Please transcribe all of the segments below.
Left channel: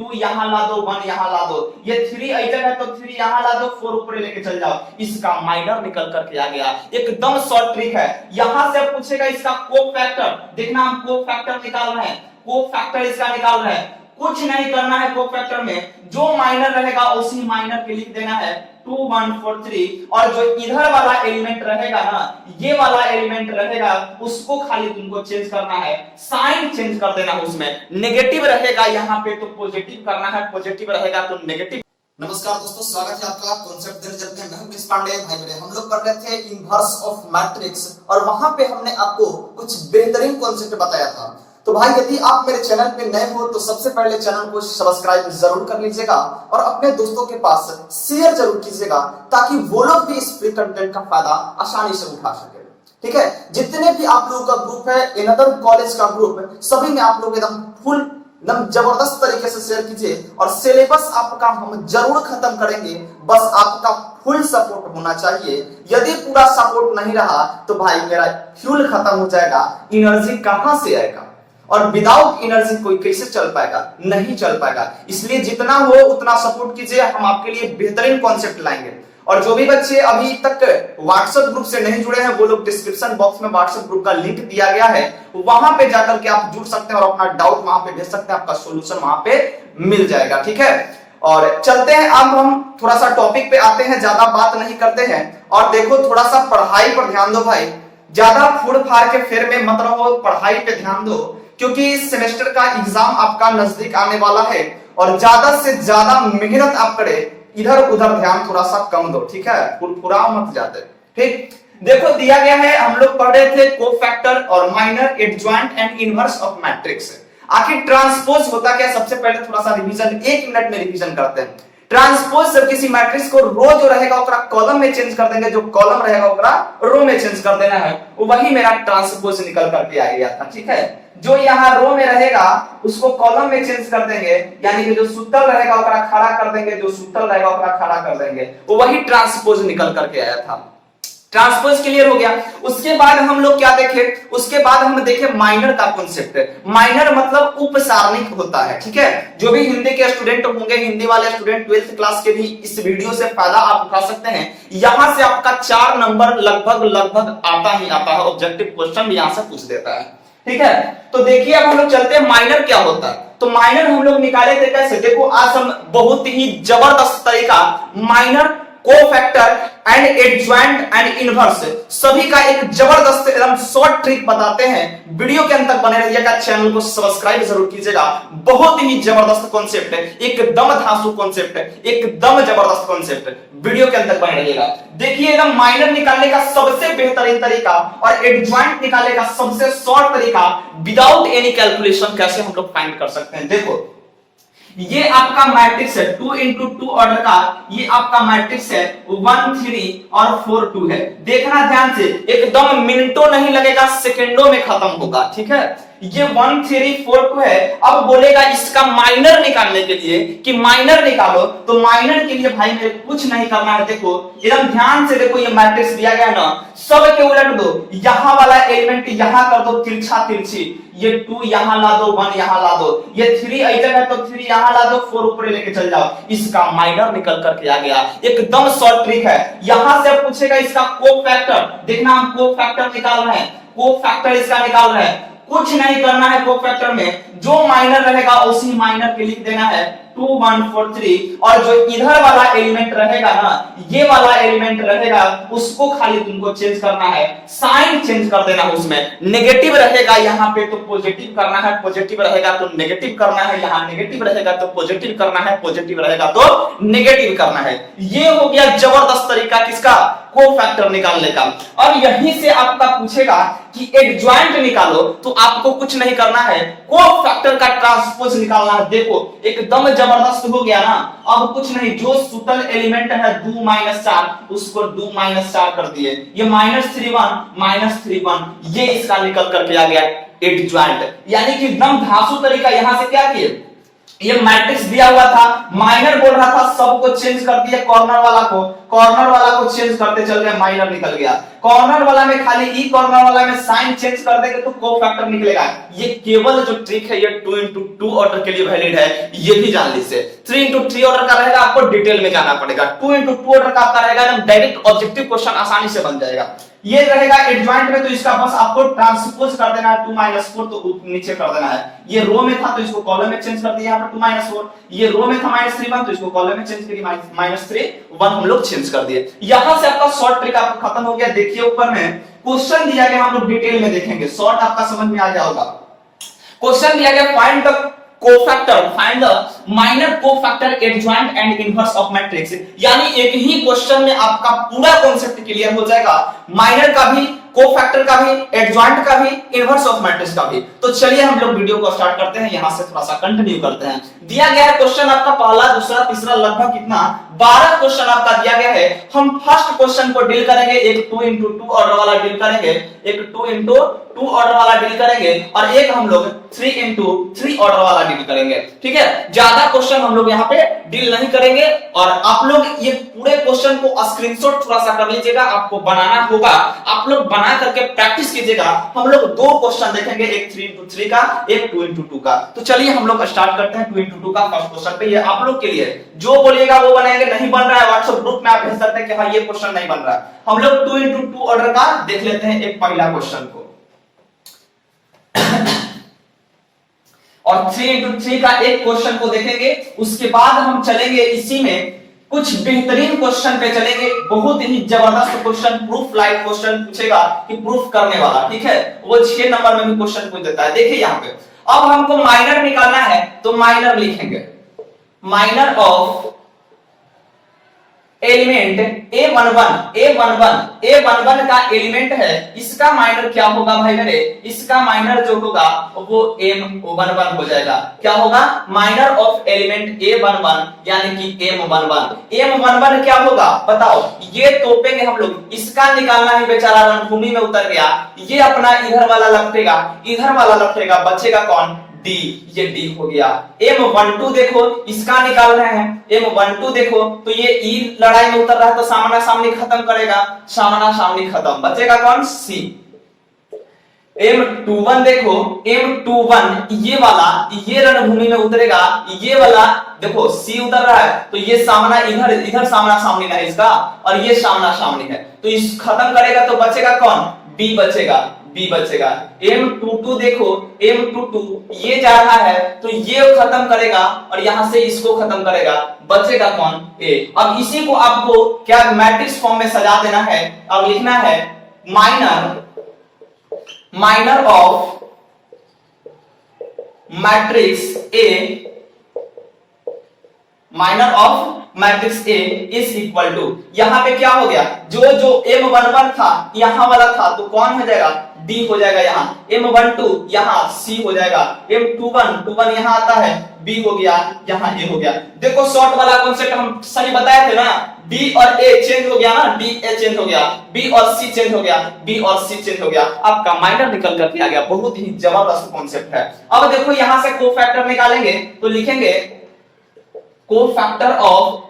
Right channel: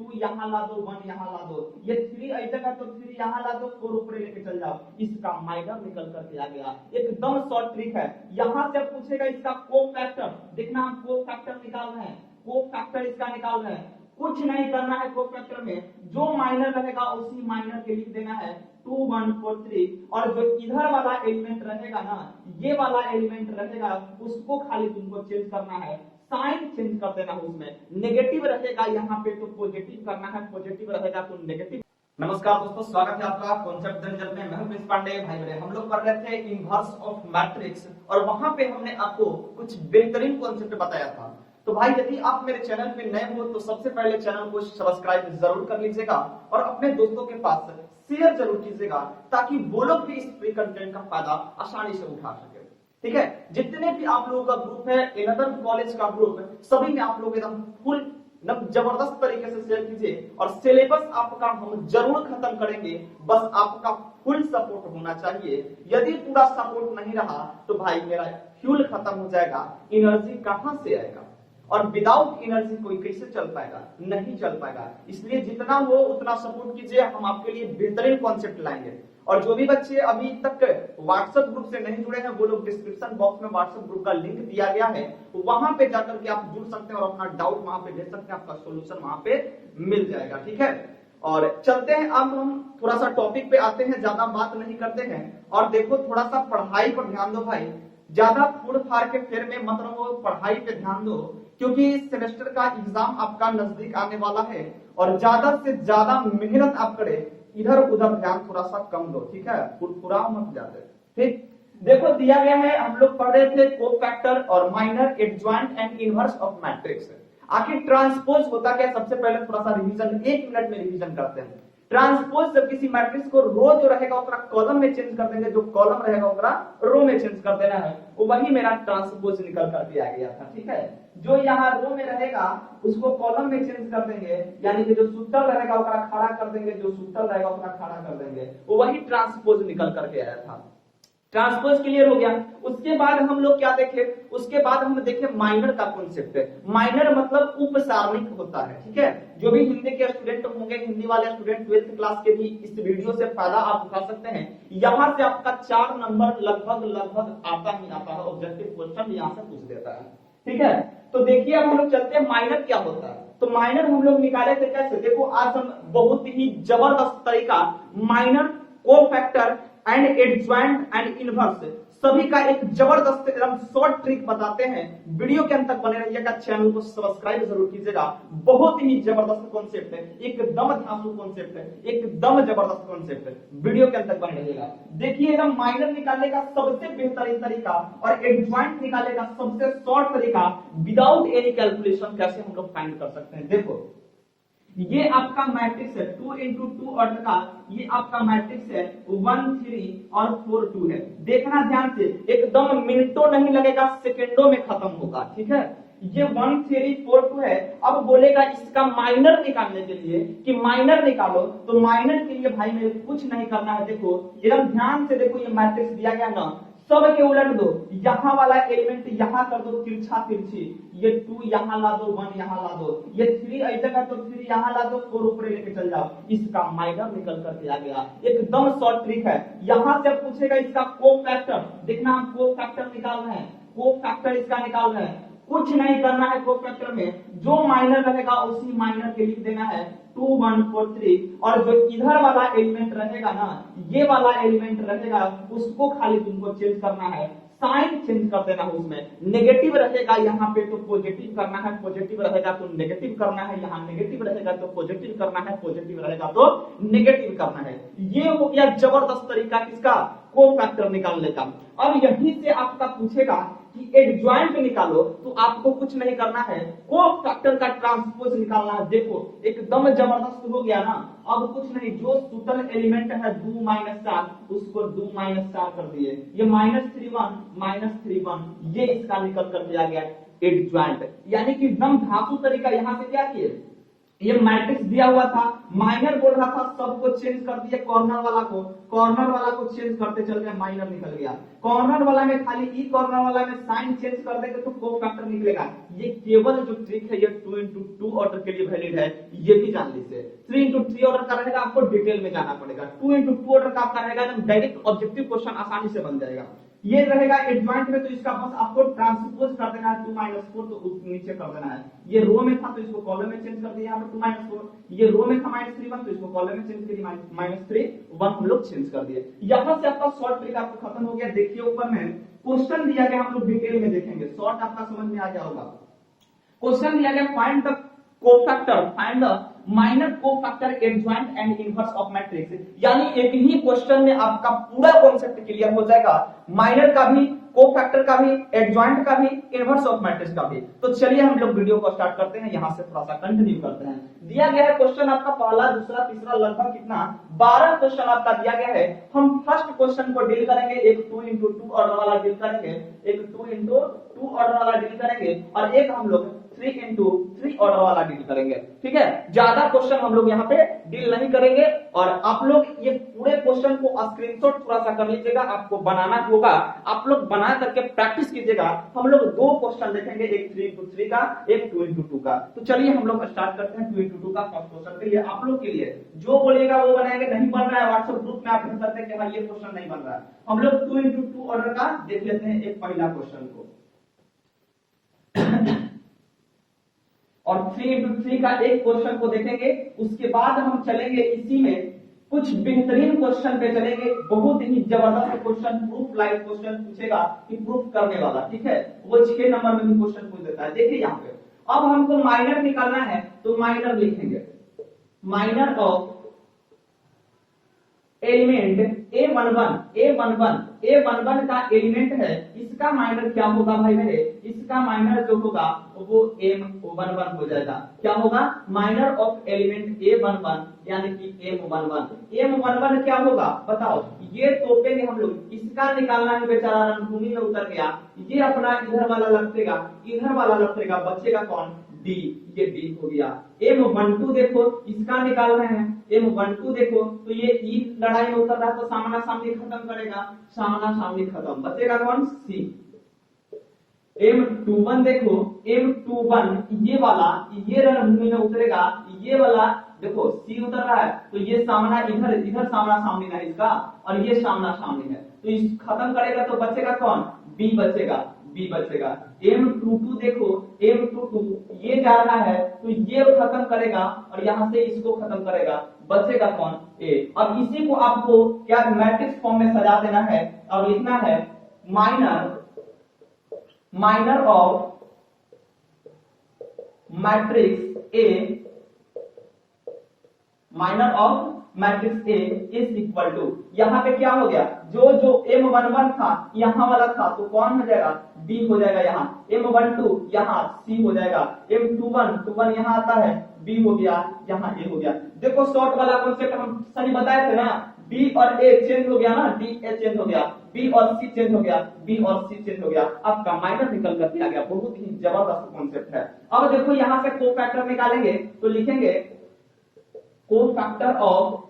2 यहाँ ला दो, 1 यहाँ ला दो, ये 3 आइटम है तो 3 यहाँ ला दो, 4 ऊपर लेके चल जाओ, इसका माइनर निकल करके आ गया। एकदम शॉर्ट ट्रिक है। यहां से पूछेगा इसका कोफैक्टर, देखना हम कोफैक्टर निकाल रहे हैं, कोफैक्टर इसका निकाल रहे हैं। कुछ नहीं करना है, कोफैक्टर में जो माइनर रहेगा उसी माइनर के लिख देना है 2 1 4 3, और जो इधर वाला एलिमेंट रहेगा ना, ये वाला एलिमेंट रहेगा, उसको खाली तुमको चेंज करना है, साइन चेंज कर देना है। उसमें नेगेटिव रहेगा यहाँ पे तो पॉजिटिव करना है, पॉजिटिव रहेगा तो नेगेटिव। नमस्कार दोस्तों, स्वागत है आपका कॉन्सेप्ट रिजल्ट में। मैं हूं प्रिंस पांडे। भाई मेरे हम लोग पढ़ रहे थे इनवर्स ऑफ मैट्रिक्स और वहां पे हमने आपको कुछ बेहतरीन कॉन्सेप्ट बताया था। तो भाई यदि आप मेरे चैनल पे नए हो तो सबसे पहले चैनल को सब्सक्राइब जरूर कर लीजिएगा और अपने दोस्तों के पास शेयर जरूर कीजिएगा ताकि वो लोग भी इस फ्री कंटेंट का फायदा आसानी से उठा सके। ठीक है, जितने भी आप लोगों का ग्रुप है, अनदर कॉलेज का ग्रुप, सभी में आप लोग एकदम फुल एकदम जबरदस्त तरीके से शेयर कीजिए और सिलेबस आपका हम जरूर खत्म करेंगे। बस आपका फुल सपोर्ट होना चाहिए। यदि पूरा सपोर्ट नहीं रहा तो भाई मेरा फ्यूल खत्म हो जाएगा, एनर्जी कहां से आएगा, और विदाउट एनर्जी कोई कैसे चल पाएगा, नहीं चल पाएगा। इसलिए जितना हो उतना सपोर्ट कीजिए, हम आपके लिए बेहतरीन कॉन्सेप्ट लाएंगे। और जो भी बच्चे अभी तक व्हाट्सएप ग्रुप से नहीं जुड़े हैं वो लोग डिस्क्रिप्शन बॉक्स में व्हाट्सएप ग्रुप का लिंक दिया गया है, वहां पे जाकर के आप जुड़ सकते हैं और अपना डाउट वहां पे भेज सकते हैं, आपका सॉल्यूशन वहां पे मिल जाएगा। ठीक है, और चलते हैं अब हम थोड़ा सा टॉपिक पे आते हैं, ज्यादा बात नहीं करते हैं। और देखो थोड़ा सा पढ़ाई पर ध्यान दो भाई, ज्यादा फुड़ फाड़ के फेर में मत रहो, पढ़ाई पे ध्यान दो क्योंकि इस सेमेस्टर का एग्जाम आपका नजदीक आने वाला है और ज्यादा से ज्यादा मेहनत आप करें, इधर उधर ध्यान थोड़ा सा कम दो। ठीक है, फुरफुरा मत जाते। ठीक, देखो दिया गया है, हम लोग पढ़ रहे थे कोफैक्टर और minor, adjoint and inverse of matrix. आखिर ट्रांसपोज होता क्या, सबसे पहले थोड़ा सा रिवीजन 1 मिनट में रिवीजन करते हैं। ट्रांसपोज से किसी मैट्रिक्स को रो जो रहेगा ओकरा कॉलम में चेंज कर देंगे, जो कॉलम रहेगा ओकरा रो में चेंज कर देना है, वही मेरा ट्रांसपोज निकल करके आ गया था। ठीक है, जो यहाँ रो में रहेगा उसको कॉलम में चेंज कर देंगे, यानी कि जो सुतल रहेगा ओकरा खड़ा कर देंगे, जो सुतल रहेगा ओकरा खड़ा कर देंगे, वही ट्रांसपोज निकल करके आया था। ट्रांसपोज क्लियर हो गया। उसके बाद हम लोग क्या देखे, उसके बाद हम देखे माइनर का कॉन्सेप्ट। माइनर मतलब उपसारणिक होता है। ठीक है, जो भी हिंदी के स्टूडेंट होंगे, हिंदी वाले स्टूडेंट 12th क्लास के भी इस वीडियो से फायदा आप उठा सकते हैं। यहां से आपका 4 नंबर लगभग आता ही आता है, ऑब्जेक्टिव क्वेश्चन भी यहां से पूछ देता है। ठीक है, तो देखिए अब हम लोग चलते हैं माइनर क्या होता है। तो माइनर हम लोग निकाले थे कैसे, देखो आज हम बहुत ही जबरदस्त तरीका minor, cofactor and adjoint and inverse सभी का एक जबरदस्त एकदम शॉर्ट ट्रिक बताते हैं। वीडियो के अंत तक बने रहिएगा, चैनल को सब्सक्राइब जरूर कीजिएगा। बहुत ही जबरदस्त कॉन्सेप्ट है, एकदम धांसू कॉन्सेप्ट है, एकदम जबरदस्त कॉन्सेप्ट। वीडियो के अंत तक बने रहिएगा। देखिए एकदम माइनर निकालने का सबसे बेहतरीन तरीका और एडजॉइंट निकालने का सबसे शॉर्ट तरीका विदाउट एनी कैलकुलेशन कैसे हम लोग फाइंड कर सकते हैं। देखो ये आपका मैट्रिक्स है 2 into 2 ऑर्डर का, ये आपका मैट्रिक्स है 1 3 और 4 2 है। देखना ध्यान से, एकदम मिनटों नहीं लगेगा, सेकंडों में खत्म होगा। ठीक है, ये 1 3 4 2 है। अब बोलेगा इसका माइनर निकालने के लिए कि माइनर निकालो, तो माइनर के लिए भाई मेरे कुछ नहीं करना है। देखो एकदम ध्यान से देखो, ये मैट्रिक्स दिया गया ना, सब के उलट दो, यहां वाला एलिमेंट यहां कर दो तिरछा तिरछी, ये 2 यहां ला दो, 1 यहां ला दो, ये 3 आइटम है तो 3 यहां ला दो, 4 ऊपर लेके चल जाओ, इसका माइनर निकल करके आ गया। एकदम शॉर्ट ट्रिक है। यहां से पूछेगा इसका कोफैक्टर, देखना हम कोफैक्टर निकाल रहे हैं, कोफैक्टर इसका निकाल रहे हैं। कुछ नहीं करना है, कोफैक्टर में जो माइनर रहेगा उसी माइनर के लिख देना है 2 1 4 3, और जो इधर वाला एलिमेंट रहेगा ना, ये वाला एलिमेंट रहेगा, उसको खाली तुमको चेंज करना है, साइन चेंज कर देना है। उसमें नेगेटिव रहेगा यहाँ पे तो पॉजिटिव करना है, पॉजिटिव रहेगा तो नेगेटिव करना है, यहाँ नेगेटिव रहेगा तो पॉजिटिव करना है, पॉजिटिव रहेगा तो नेगेटिव करना है। ये हो गया जबरदस्त तरीका किसका, कोफैक्टर निकालने का। अब यहीं से आपका पूछेगा कि एडजॉइंट निकालो, तो आपको कुछ नहीं करना है, कोफैक्टर का ट्रांसपोज निकालना है। देखो एकदम जबरदस्त हो गया ना। अब कुछ नहीं, जो सुतल एलिमेंट है 2 4 उसको 2 4 कर दिए, ये -3 1 -3 1, ये इसका निकल करके आ गया एडजॉइंट। यानी कि एकदम धांसू तरीका यहां से क्या किए, ये मैट्रिक्स दिया हुआ था, माइनर बोल रहा था सबको चेंज कर दिया, कॉर्नर वाला को चेंज करते चल गए, माइनर निकल गया। कॉर्नर वाला में खाली ई, कॉर्नर वाला में साइन चेंज कर देंगे तो कोफैक्टर निकलेगा। ये केवल जो ट्रिक है ये 2x2 ऑर्डर के लिए वैलिड है, ये भी जान लीजिए। 3x3 ऑर्डर का रहेगा, आपको डिटेल में जाना पड़ेगा। 2x2 ऑर्डर का आपका रहेगा, एकदम डायरेक्ट ऑब्जेक्टिव क्वेश्चन आसानी से बन जाएगा। ये रहेगा एडजॉइंट में, तो इसका बस आपको ट्रांसपोज कर देना है 2 - 4, तो नीचे कर देना है। ये रो में था तो इसको कॉलम में चेंज कर दिया, यहाँ पर 2 - 4। ये रो में था -3 तो इसको कॉलम में चेंज करिए, -3 हम लोग चेंज कर दिए। यहां से आपका शॉर्ट ट्रिक आपको खत्म हो गया। देखिए ऊपर में क्वेश्चन दिया गया, हम लोग डिटेल में देखेंगे, शॉर्ट आपका समझ में आ गया होगा। क्वेश्चन दिया गया, find the cofactor, find the minor cofactor adjoint and inverse of matrix. यानी एक ही क्वेश्चन में आपका पूरा कांसेप्ट क्लियर हो जाएगा, माइनर का भी, कोफैक्टर का भी, एडजॉइंट का भी, इनवर्स ऑफ मैट्रिक्स का भी। तो चलिए हम लोग वीडियो को स्टार्ट करते हैं, यहां से थोड़ा सा कंटिन्यू करते हैं। दिया गया है क्वेश्चन आपका पहला, दूसरा, तीसरा, लगभग कितना 12 क्वेश्चन आपका दिया गया है। हम फर्स्ट क्वेश्चन को डील करेंगे, एक 2x2 ऑर्डर वाला डील करेंगे, एक 2x2 ऑर्डर वाला डील करेंगे, और एक हम लोग 3x3 ऑर्डर वाला डील करेंगे। ठीक है, ज्यादा क्वेश्चन हम लोग यहाँ पे डील नहीं करेंगे। और आप लोग ये पूरे क्वेश्चन को स्क्रीनशॉट थोड़ा सा कर लीजिएगा, आपको बनाना होगा, आप लोग बना करके प्रैक्टिस कीजिएगा। हम लोग 2 क्वेश्चन देखेंगे, एक 3x3 का, एक 2x2 का। तो चलिए हम लोग स्टार्ट करते हैं 2x2 का फर्स्ट क्वेश्चन पे। ये आप लोग के लिए जो बोलिएगा वो बनाएंगे, नहीं बन रहा है व्हाट्सएप ग्रुप में आप भेज सकते हैं कि हाँ ये क्वेश्चन नहीं बन रहा है। हम लोग 2x2 ऑर्डर का देख लेते हैं एक पहला क्वेश्चन को, और 3x3 का एक क्वेश्चन को देखेंगे। उसके बाद हम चलेंगे इसी में कुछ बेहतरीन क्वेश्चन पे चलेंगे, बहुत ही जबरदस्त क्वेश्चन, प्रूफ लाइक क्वेश्चन पूछेगा कि प्रूफ करने वाला। ठीक है, वो 6 नंबर में भी क्वेश्चन पूछ देता है। देखिए यहाँ पे अब हमको माइनर निकालना है, तो माइनर लिखेंगे, माइनर ऑफ एलिमेंट A11 का एलिमेंट है, इसका माइनर क्या होगा भाई मेरे, इसका माइनर जो होगा वो M11 हो जाएगा। क्या होगा, माइनर ऑफ एलिमेंट A11 यानी कि M11 क्या होगा बताओ, ये तोपेंगे हम लोग, इसका निकालना है, बेचारा रणभूमि में उतर गया। ये अपना इधर वाला लपटेगा, बचेगा कौन, डी, ये डी हो गया। M12 देखो, इसका निकाल रहे हैं, M12 देखो, तो ये ई लड़ाई में उतर रहा है तो सामना सामनी खत्म करेगा, सामना सामनी खत्म, बचेगा कौन, सी। M21 देखो, M21 ये वाला, ये रणभूमि में उतरेगा, ये वाला देखो सी उतर रहा है तो ये सामना इधर सामना सामनी है इसका, और ये सामना सामनी है, तो इस खत्म करेगा तो बचेगा कौन, बी बचेगा। M22 देखो, M22 ये जा रहा है तो ये खत्म करेगा और यहां से इसको खत्म करेगा, बचेगा कौन, ए। अब इसी को आपको क्या मैट्रिक्स फॉर्म में सजा देना है, अब लिखना है minor of matrix A, minor of matrix A is equal to, यहां पे क्या हो गया, जो M11 था यहां वाला था तो कौन हो जाएगा, डी हो जाएगा, यहाँ M12 यहाँ सी हो जाएगा, M21 यहाँ आता है, बी हो गया, यहाँ ए हो गया। देखो शॉर्ट वाला कॉन्सेप्ट हम सही बताए थे ना, डी और ए चेंज हो गया ना, डी ए चेंज हो गया, बी और सी चेंज हो गया, बी और सी चेंज हो गया, आपका माइनर निकल करके आ गया। बहुत ही जबरदस्त कॉन्सेप्ट है। अब देखो यहां से कोफैक्टर निकालेंगे तो लिखेंगे कोफैक्टर ऑफ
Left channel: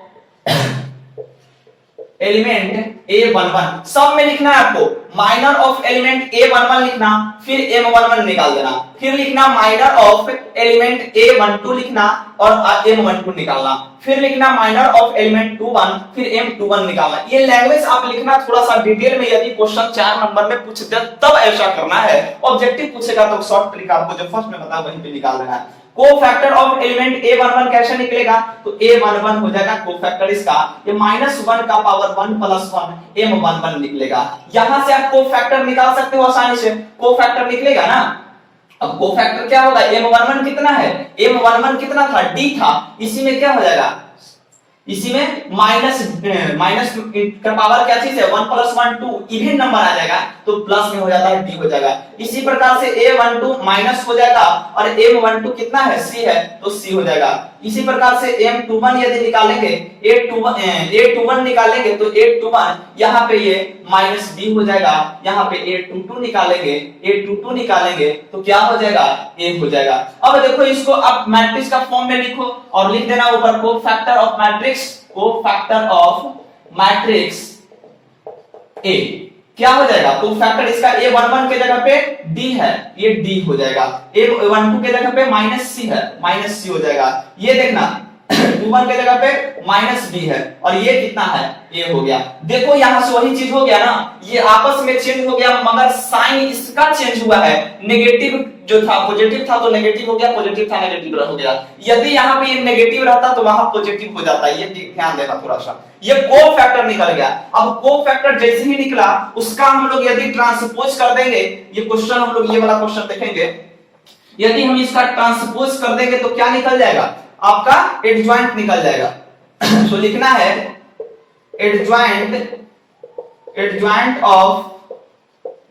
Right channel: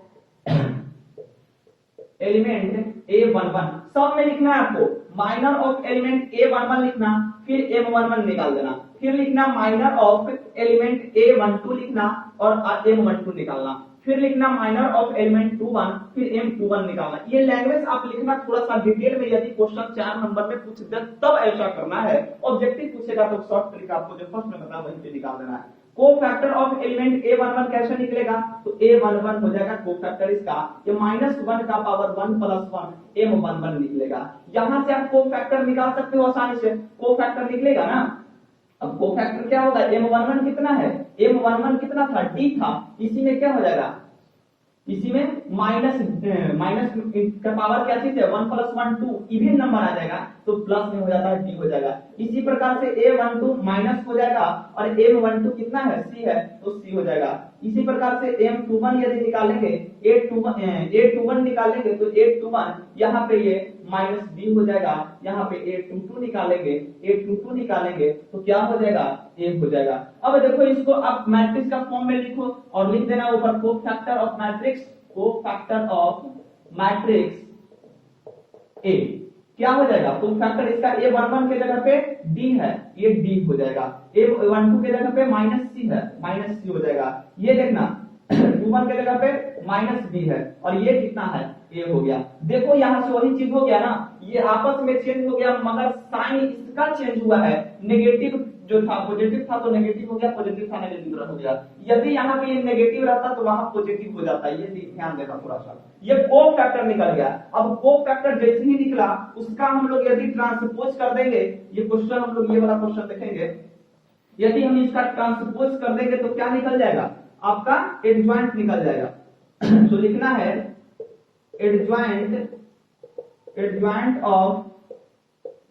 एलिमेंट A11, सब में लिखना है आपको, माइनर ऑफ एलिमेंट A11 लिखना, फिर M11 निकाल देना, फिर लिखना माइनर ऑफ एलिमेंट A12 लिखना और M12 निकालना, फिर लिखना माइनर ऑफ एलिमेंट 21, फिर M21 निकालना। ये लैंग्वेज आप लिखना थोड़ा सा डिटेल में, यदि क्वेश्चन 4 नंबर में पूछ दे तब ऐसा करना है, ऑब्जेक्टिव पूछेगा तो शॉर्ट ट्रिक आपको जो फर्स्ट में बताया वहीं पे निकाल देना है। कोफैक्टर ऑफ एलिमेंट A11 कैसे निकलेगा, तो A11 हो जाएगा कोफैक्टर इसका, ये -1 का पावर 1 + 1 M11 निकलेगा। यहां से आप कोफैक्टर निकाल सकते हो आसानी से, कोफैक्टर निकलेगा ना। अब कोफैक्टर क्या होगा, M11 कितना है, M11 कितना था, D था, इसी में क्या हो जाएगा, इसी में माइनस का पावर क्या चीज है, 1 + 1 2, इवन नंबर आ जाएगा तो प्लस में हो जाता है, डी हो जाएगा। इसी प्रकार से A12 माइनस हो जाएगा और M12 कितना है, C है, तो C हो जाएगा। इसी प्रकार से M21 यदि निकालेंगे, A21 निकालेंगे तो A21 यहाँ पे ये माइनस B हो जाएगा, यहाँ पे A22 निकालेंगे तो क्या हो जाएगा, A हो जाएगा। अब देखो इसको आप मैट्रिक्स का फॉर्म में लिखो और लिख देना ऊपर कोफैक्टर ऑफ मैट्रिक्स A क्या हो जाएगा, कोफैक्टर इसका A11 के जगह पे D है, ये D हो जाएगा। A12 के जगह पे माइनस C है, माइनस C हो जाएगा। ये देखना 21 के जगह पे माइनस B है और ये कितना है, A हो गया। देखो यहां से वही चीज हो गया ना, ये आपस में चेंज हो गया मगर साइन इसका चेंज हुआ है। नेगेटिव जो था पॉजिटिव था तो नेगेटिव हो गया, पॉजिटिव था नेगेटिव हो गया। यदि यहाँ पे ये नेगेटिव रहता तो वहां पॉजिटिव हो जाता, ये ध्यान देना थोड़ा सा। ये कोफैक्टर निकल गया। अब कोफैक्टर जैसे ही निकला उसका हम लोग यदि ट्रांसपोज कर देंगे, ये क्वेश्चन हम लोग ये वाला क्वेश्चन देखेंगे, यदि हम इसका ट्रांसपोज कर देंगे तो क्या निकल जाएगा, आपका एडजॉइंट निकल जाएगा। तो लिखना है एडजॉइंट ऑफ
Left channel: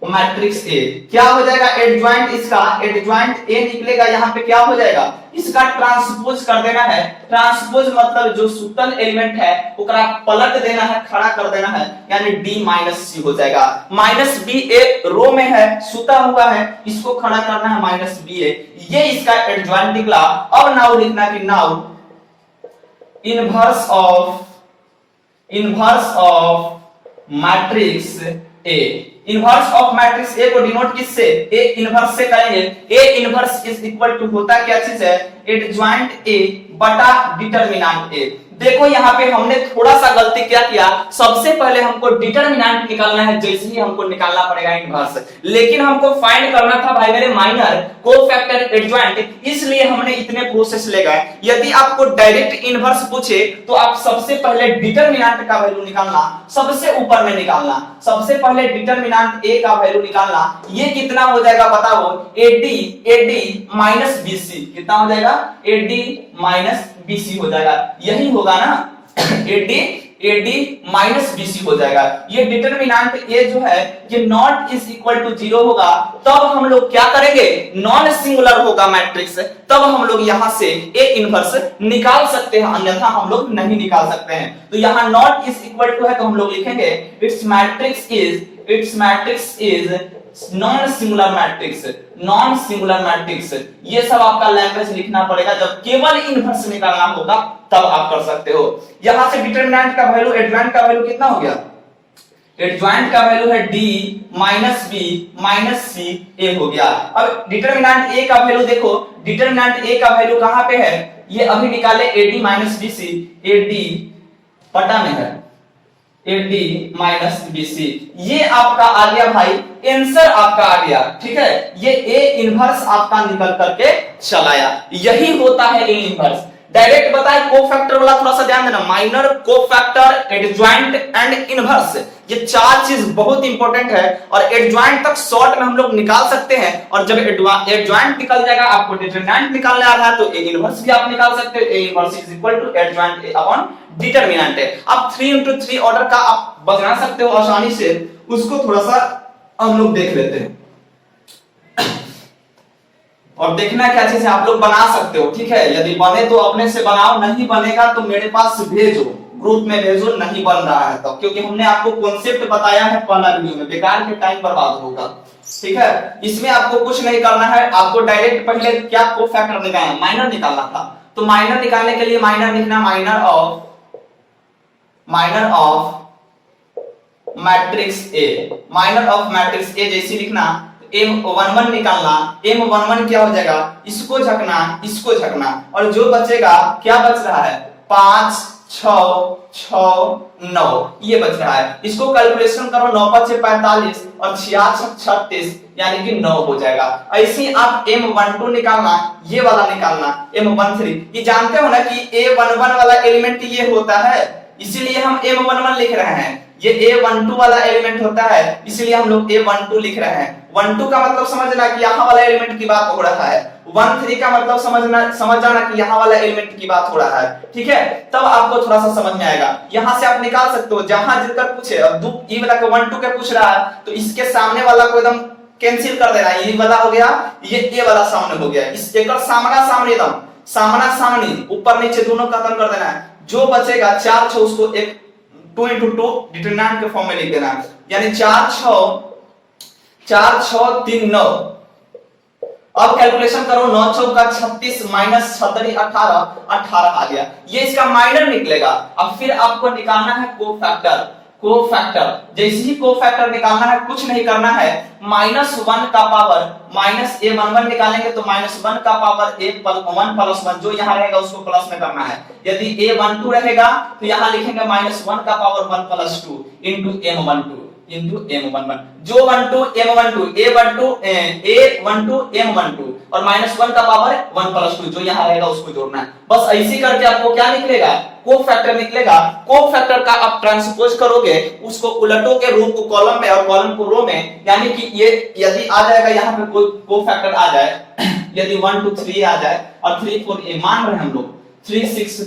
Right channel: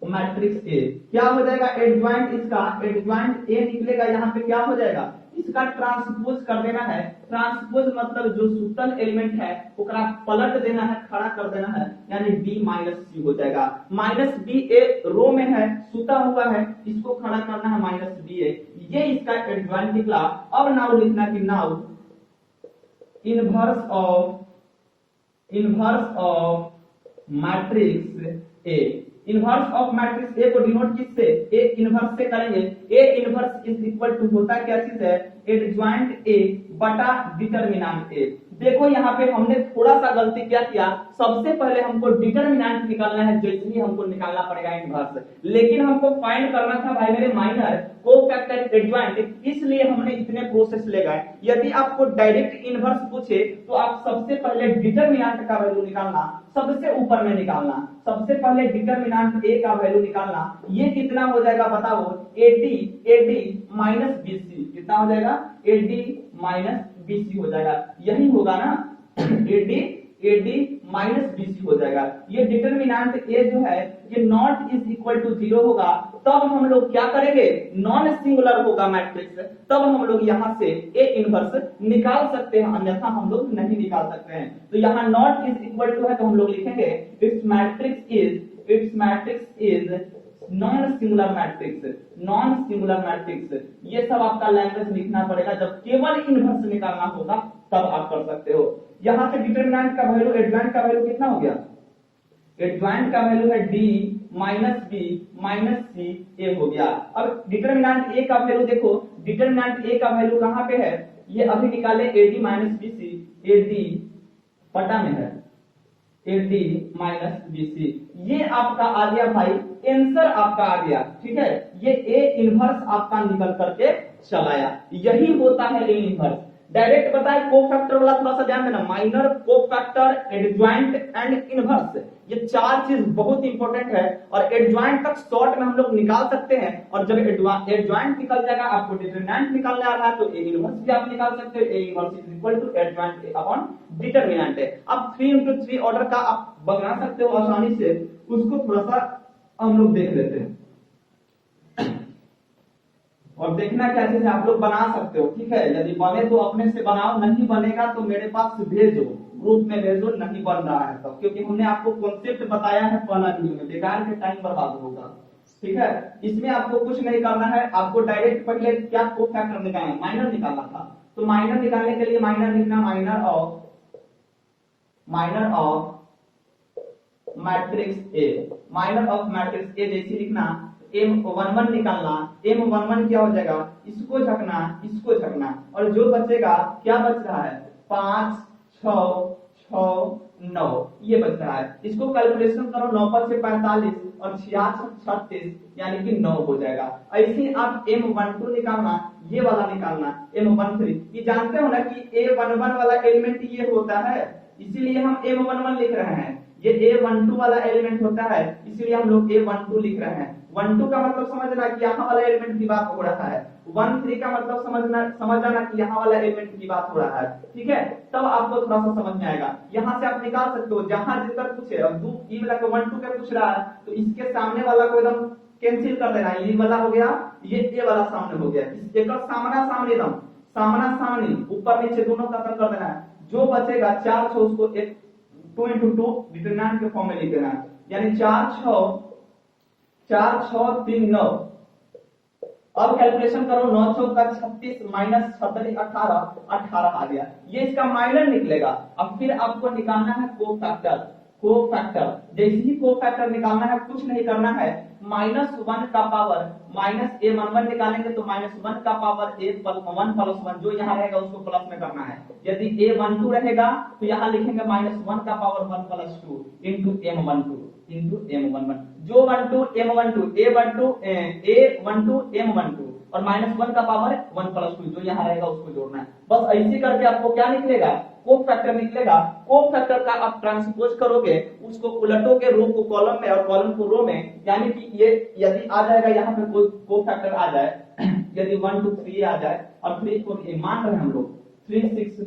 मैट्रिक्स ए। क्या हो जाएगा एडजॉइंट, इसका एडजॉइंट ए निकलेगा, यहाँ पे क्या हो जाएगा, इसका ट्रांसपोज कर देना है। ट्रांसपोज मतलब जो सुतल एलिमेंट है ओकरा पलट देना है, खड़ा कर देना है, यानी डी माइनस सी हो जाएगा। माइनस बी ए रो में है, सुता हुआ है, इसको खड़ा करना है माइनस बी ए, ये इसका एडजॉइंट निकला। अब नाउ लिखना कि now inverse of matrix A. Inverse of matrix A को डिनोट किससे, ए इनवर्स से करेंगे। A inverse is equal to होता क्या चीज है, एडजॉइंट ए बटा डिटरमिनेंट ए। देखो यहाँ पे हमने थोड़ा सा गलती क्या किया, सबसे पहले हमको डिटरमिनेंट निकालना है, जैसे ही हमको निकालना पड़ेगा इनवर्स, लेकिन हमको फाइंड करना था भाई मेरे माइनर कोफैक्टर एडजॉइंट, इसलिए हमने इतने प्रोसेस ले गए। यदि आपको डायरेक्ट इनवर्स पूछे तो आप सबसे पहले डिटरमिनेंट का वैल्यू निकालना, सबसे ऊपर में निकालना, सबसे पहले डिटरमिनेंट ए का वैल्यू निकालना। ये कितना हो जाएगा बताओ, AD माइनस BC कितना हो जाएगा, AD माइनस BC हो जाएगा, यही होगा ना, AD माइनस BC हो जाएगा। ये डिटरमिनेंट A जो है ये नॉट इज इक्वल टू 0 होगा, तब हम लोग क्या करेंगे, नॉन सिंगुलर होगा मैट्रिक्स, तब हम लोग यहां से A इनवर्स निकाल सकते हैं, अन्यथा हम लोग नहीं निकाल सकते हैं। तो यहां नॉट इज इक्वल टू है तो हम लोग लिखेंगे it's matrix is non singular matrix. ये सब आपका लैंग्वेज लिखना पड़ेगा, जब केवल इनवर्स निकालना होगा तब आप कर सकते हो। यहां से डिटरमिनेंट का वैल्यू, एडजॉइंट का वैल्यू कितना हो गया, एडजॉइंट का वैल्यू है D minus B minus C A हो गया। अब डिटरमिनेंट A का वैल्यू देखो, डिटरमिनेंट A का वैल्यू कहां पे है, ये अभी निकाले AD माइनस BC, AD पटा में है AD माइनस BC, ये आपका आ गया भाई, आंसर आपका आ गया, ठीक है। ये A इनवर्स आपका निकल करके चलाया, यही होता है A इनवर्स। डायरेक्ट बताए कोफैक्टर वाला थोड़ा सा ध्यान देना, minor, cofactor, adjoint and inverse, ये चार चीज बहुत इंपॉर्टेंट है। और एडजॉइंट तक शॉर्ट में हम लोग निकाल सकते हैं, और जब एडजॉइंट निकल जाएगा, आपको डिटरमिनेंट निकालने आ रहा है तो ए इनवर्स भी आप निकाल सकते हो। A inverse is equal to adjoint A upon determinant है। आप 3x3 ऑर्डर का आप बना सकते हो आसानी से, उसको थोड़ा सा हम लोग देख लेते हैं और देखना क्या चीज है, आप लोग बना सकते हो, ठीक है। यदि बने तो अपने से बनाओ, नहीं बनेगा तो मेरे पास भेजो, ग्रुप में भेजो, नहीं बन रहा है तो, क्योंकि हमने आपको कॉन्सेप्ट बताया है पहला वीडियो में, बेकार के टाइम बर्बाद होगा, ठीक है। इसमें आपको कुछ नहीं करना है, आपको डायरेक्ट पहले क्या कोफैक्टर निकालना, माइनर निकालना था। तो माइनर निकालने के लिए माइनर लिखना, minor of matrix A, minor of matrix ए जैसी लिखना, M11 निकालना, M11 क्या हो जाएगा, इसको झकना, और जो बचेगा क्या बच रहा है, 5 6 6 9 ये बच रहा है। इसको कैलकुलेशन करो, 9 5 45 और 66 36 यानी कि 9 हो जाएगा। ऐसे ही आप M12 निकालना, ये वाला निकालना, M13, ये जानते हो ना कि A11 वाला एलिमेंट ये होता है, इसीलिए हम M11 लिख रहे हैं। ये A12 वाला एलिमेंट होता है, इसलिए हम लोग A12 लिख रहे हैं। 12 का मतलब समझना कि यहाँ वाला एलिमेंट की बात हो रहा है, 13 का मतलब समझ जाना कि यहाँ वाला एलिमेंट की बात हो रहा है, ठीक है। तब आपको थोड़ा सा समझ में आएगा। यहाँ से आप निकाल सकते हो, जहां जितना पूछे, अब ये वाला 12 का पूछ रहा है तो इसके सामने वाला को एकदम कैंसिल कर देना, ये वाला हो गया, ये ए वाला सामने हो गया, इस एक सामना सामने एकदम सामना सामनी ऊपर नीचे दोनों खत्म कर देना है। जो बचेगा 4 6 उसको एक 2 into 2 डिटरमिनेंट के फॉर्म में लिख देना है, यानी 4 6 3 9। अब कैलकुलेशन करो, 9 चौका 36 माइनस 36 18 आ गया, ये इसका माइनर निकलेगा। अब फिर आपको निकालना है कोफैक्टर। जैसे ही कोफैक्टर निकालना है, कुछ नहीं करना है, -1 का पावर माइनस a11 निकालेंगे तो -1 का पावर a1 प्लस 1 जो यहाँ रहेगा उसको प्लस में करना है। यदि a12 रहेगा तो यहाँ लिखेंगे -1 का पावर 1 प्लस 2 इंटू m11 जो 12 m12 a12 m12 और -1 का पावर 1 प्लस 2 जो यहाँ रहेगा उसको जोड़ना है। बस ऐसे करके आपको क्या निकलेगा, कोफैक्टर निकलेगा। कोफैक्टर का आप ट्रांसपोज करोगे, उसको उलटोगे रो को कॉलम में और कॉलम को रो में, यानी कि ये यदि आ जाएगा यहाँ पे कोई कोफैक्टर आ जाए, यदि 1 2 3 आ जाए और 3 4 ये मान रहे हम लोग 3 6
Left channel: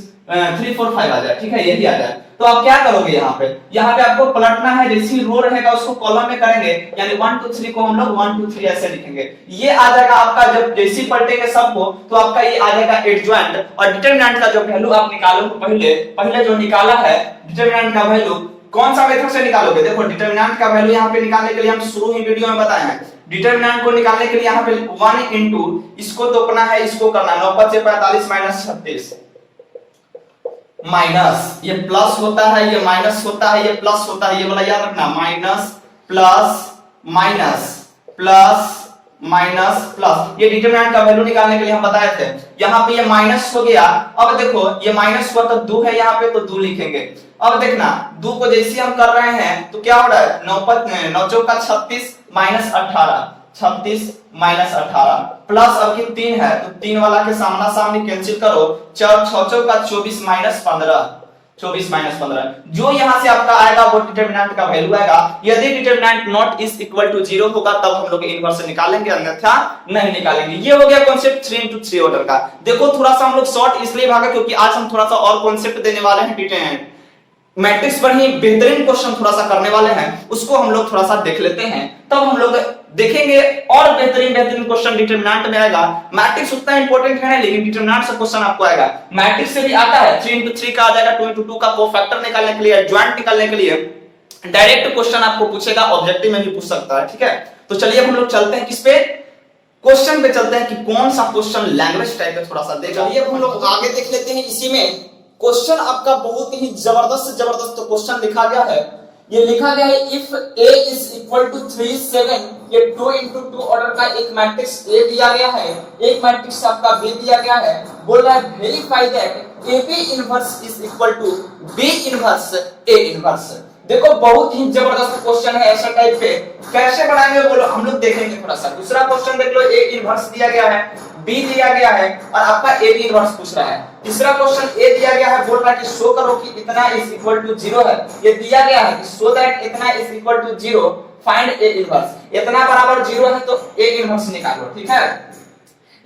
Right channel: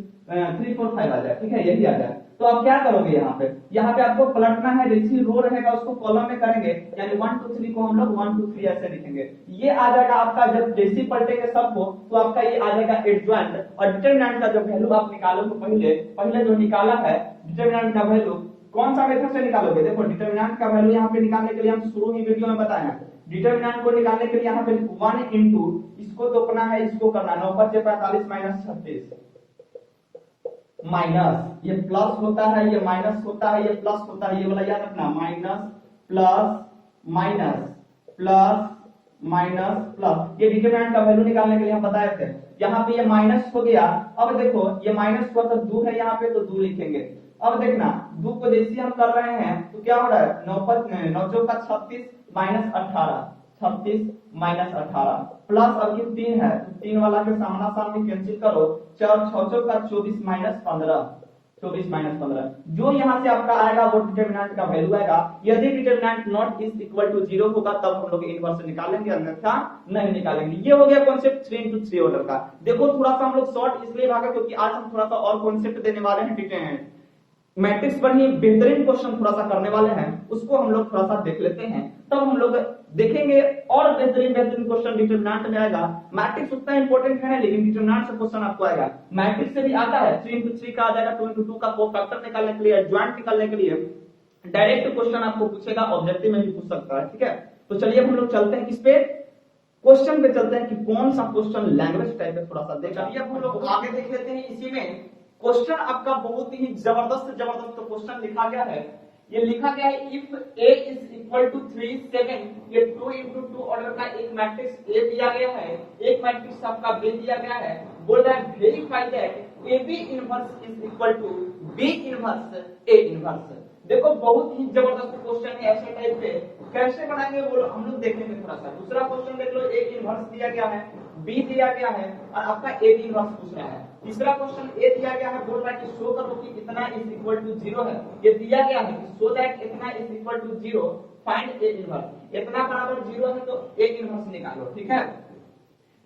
3 4 5 आ जाए, ठीक है, यही आ जाए, तो आप क्या करोगे, यहाँ पे आपको पलटना है, जैसी रो रहेगा उसको कॉलम में करेंगे, यानी 1 2 3 को हम लोग 1 2 3 ऐसे लिखेंगे। ये आ जाएगा आपका, जब जैसी पलटेंगे सबको तो आपका ये आ जाएगा एडजॉइंट। और डिटरमिनेंट का जो वैल्यू आप निकालोगे, पहले जो निकाला है डिटरमिनेंट का वैल्यू, कौन सा मेथड से निकालोगे, देखो डिटरमिनेंट का वैल्यू यहाँ पे निकालने के लिए हम शुरू ही वीडियो में बताए हैं, डिटरमिनेंट को निकालने के लिए यहाँ पे 1 इंटू इसको तोड़ना है, इसको करना 9 5 45 माइनस 36 माइनस, ये प्लस होता है, ये माइनस होता है, ये प्लस होता है, ये वाला याद रखना, minus plus minus plus minus plus. ये डिटरमिनेंट का वैल्यू निकालने के लिए हम बताए थे। यहाँ पे ये माइनस हो गया, अब देखो ये माइनस हुआ तो 2 है यहाँ पे तो 2 लिखेंगे। अब देखना 2 को जैसे हम कर रहे हैं तो क्या हो रहा है, 9 चौका 36 माइनस 18 36 माइनस 18 प्लस अब ये 3 है तो 3 वाला के सामना सामने कैंसिल करो, 4 6 चौका 24 माइनस 15 24 माइनस 15, जो यहां से आपका आएगा वो डिटरमिनेंट का वैल्यू आएगा। यदि determinant not is equal to 0 होगा तब हम लोग इनवर्स निकालेंगे, अन्यथा नहीं निकालेंगे। ये हो गया कॉन्सेप्ट 3 into 3 ऑर्डर का। देखो थोड़ा सा हम लोग शॉर्ट इसलिए भागा क्योंकि आज हम थोड़ा सा और कॉन्सेप्ट देने वाले हैं, डिटरमिनेंट मैट्रिक्स पर ही बेहतरीन क्वेश्चन थोड़ा सा करने वाले हैं, उसको हम लोग थोड़ा सा देख लेते हैं, तब हम लोग देखेंगे और बेहतरीन क्वेश्चन डिटरमिनेंट में आएगा। मैट्रिक्स उतना इंपॉर्टेंट है लेकिन डिटरमिनेंट से क्वेश्चन आपको आएगा। मैट्रिक्स से भी आता है, 3 into 3 का आ जाएगा, 2 into 2 का कोफैक्टर निकालने के लिए, एडजॉइंट निकालने के लिए डायरेक्ट क्वेश्चन आपको पूछेगा, ऑब्जेक्टिव में भी पूछ सकता है, ठीक है। तो चलिए अब हम लोग चलते हैं किस पे, क्वेश्चन पे चलते हैं कि कौन सा क्वेश्चन लैंग्वेज टाइप में थोड़ा सा देगा। चलिए अब हम लोग आगे देख लेते हैं। इसी में क्वेश्चन आपका बहुत ही जबरदस्त क्वेश्चन लिखा गया है। ये लिखा गया है if a is equal to 3 7, ये 2 into 2 ऑर्डर का एक मैट्रिक्स A दिया गया है, एक मैट्रिक्स आपका B दिया गया है। बोल रहा है verify that AB inverse is equal to B inverse A inverse. देखो बहुत ही जबरदस्त क्वेश्चन है, ऐसा टाइप पे कैसे बनाएंगे बोलो, हम लोग देखेंगे थोड़ा सा। दूसरा क्वेश्चन देख लो, A इनवर्स दिया गया है, B दिया गया है और आपका AB इनवर्स पूछ रहा है। तीसरा क्वेश्चन A दिया गया है, बोल रहा है कि शो करो कि इतना इज इक्वल टू 0 है, ये दिया गया है कि शो दैट इतना is equal to 0 find A inverse. इतना बराबर 0 है तो A इनवर्स निकालो, ठीक है।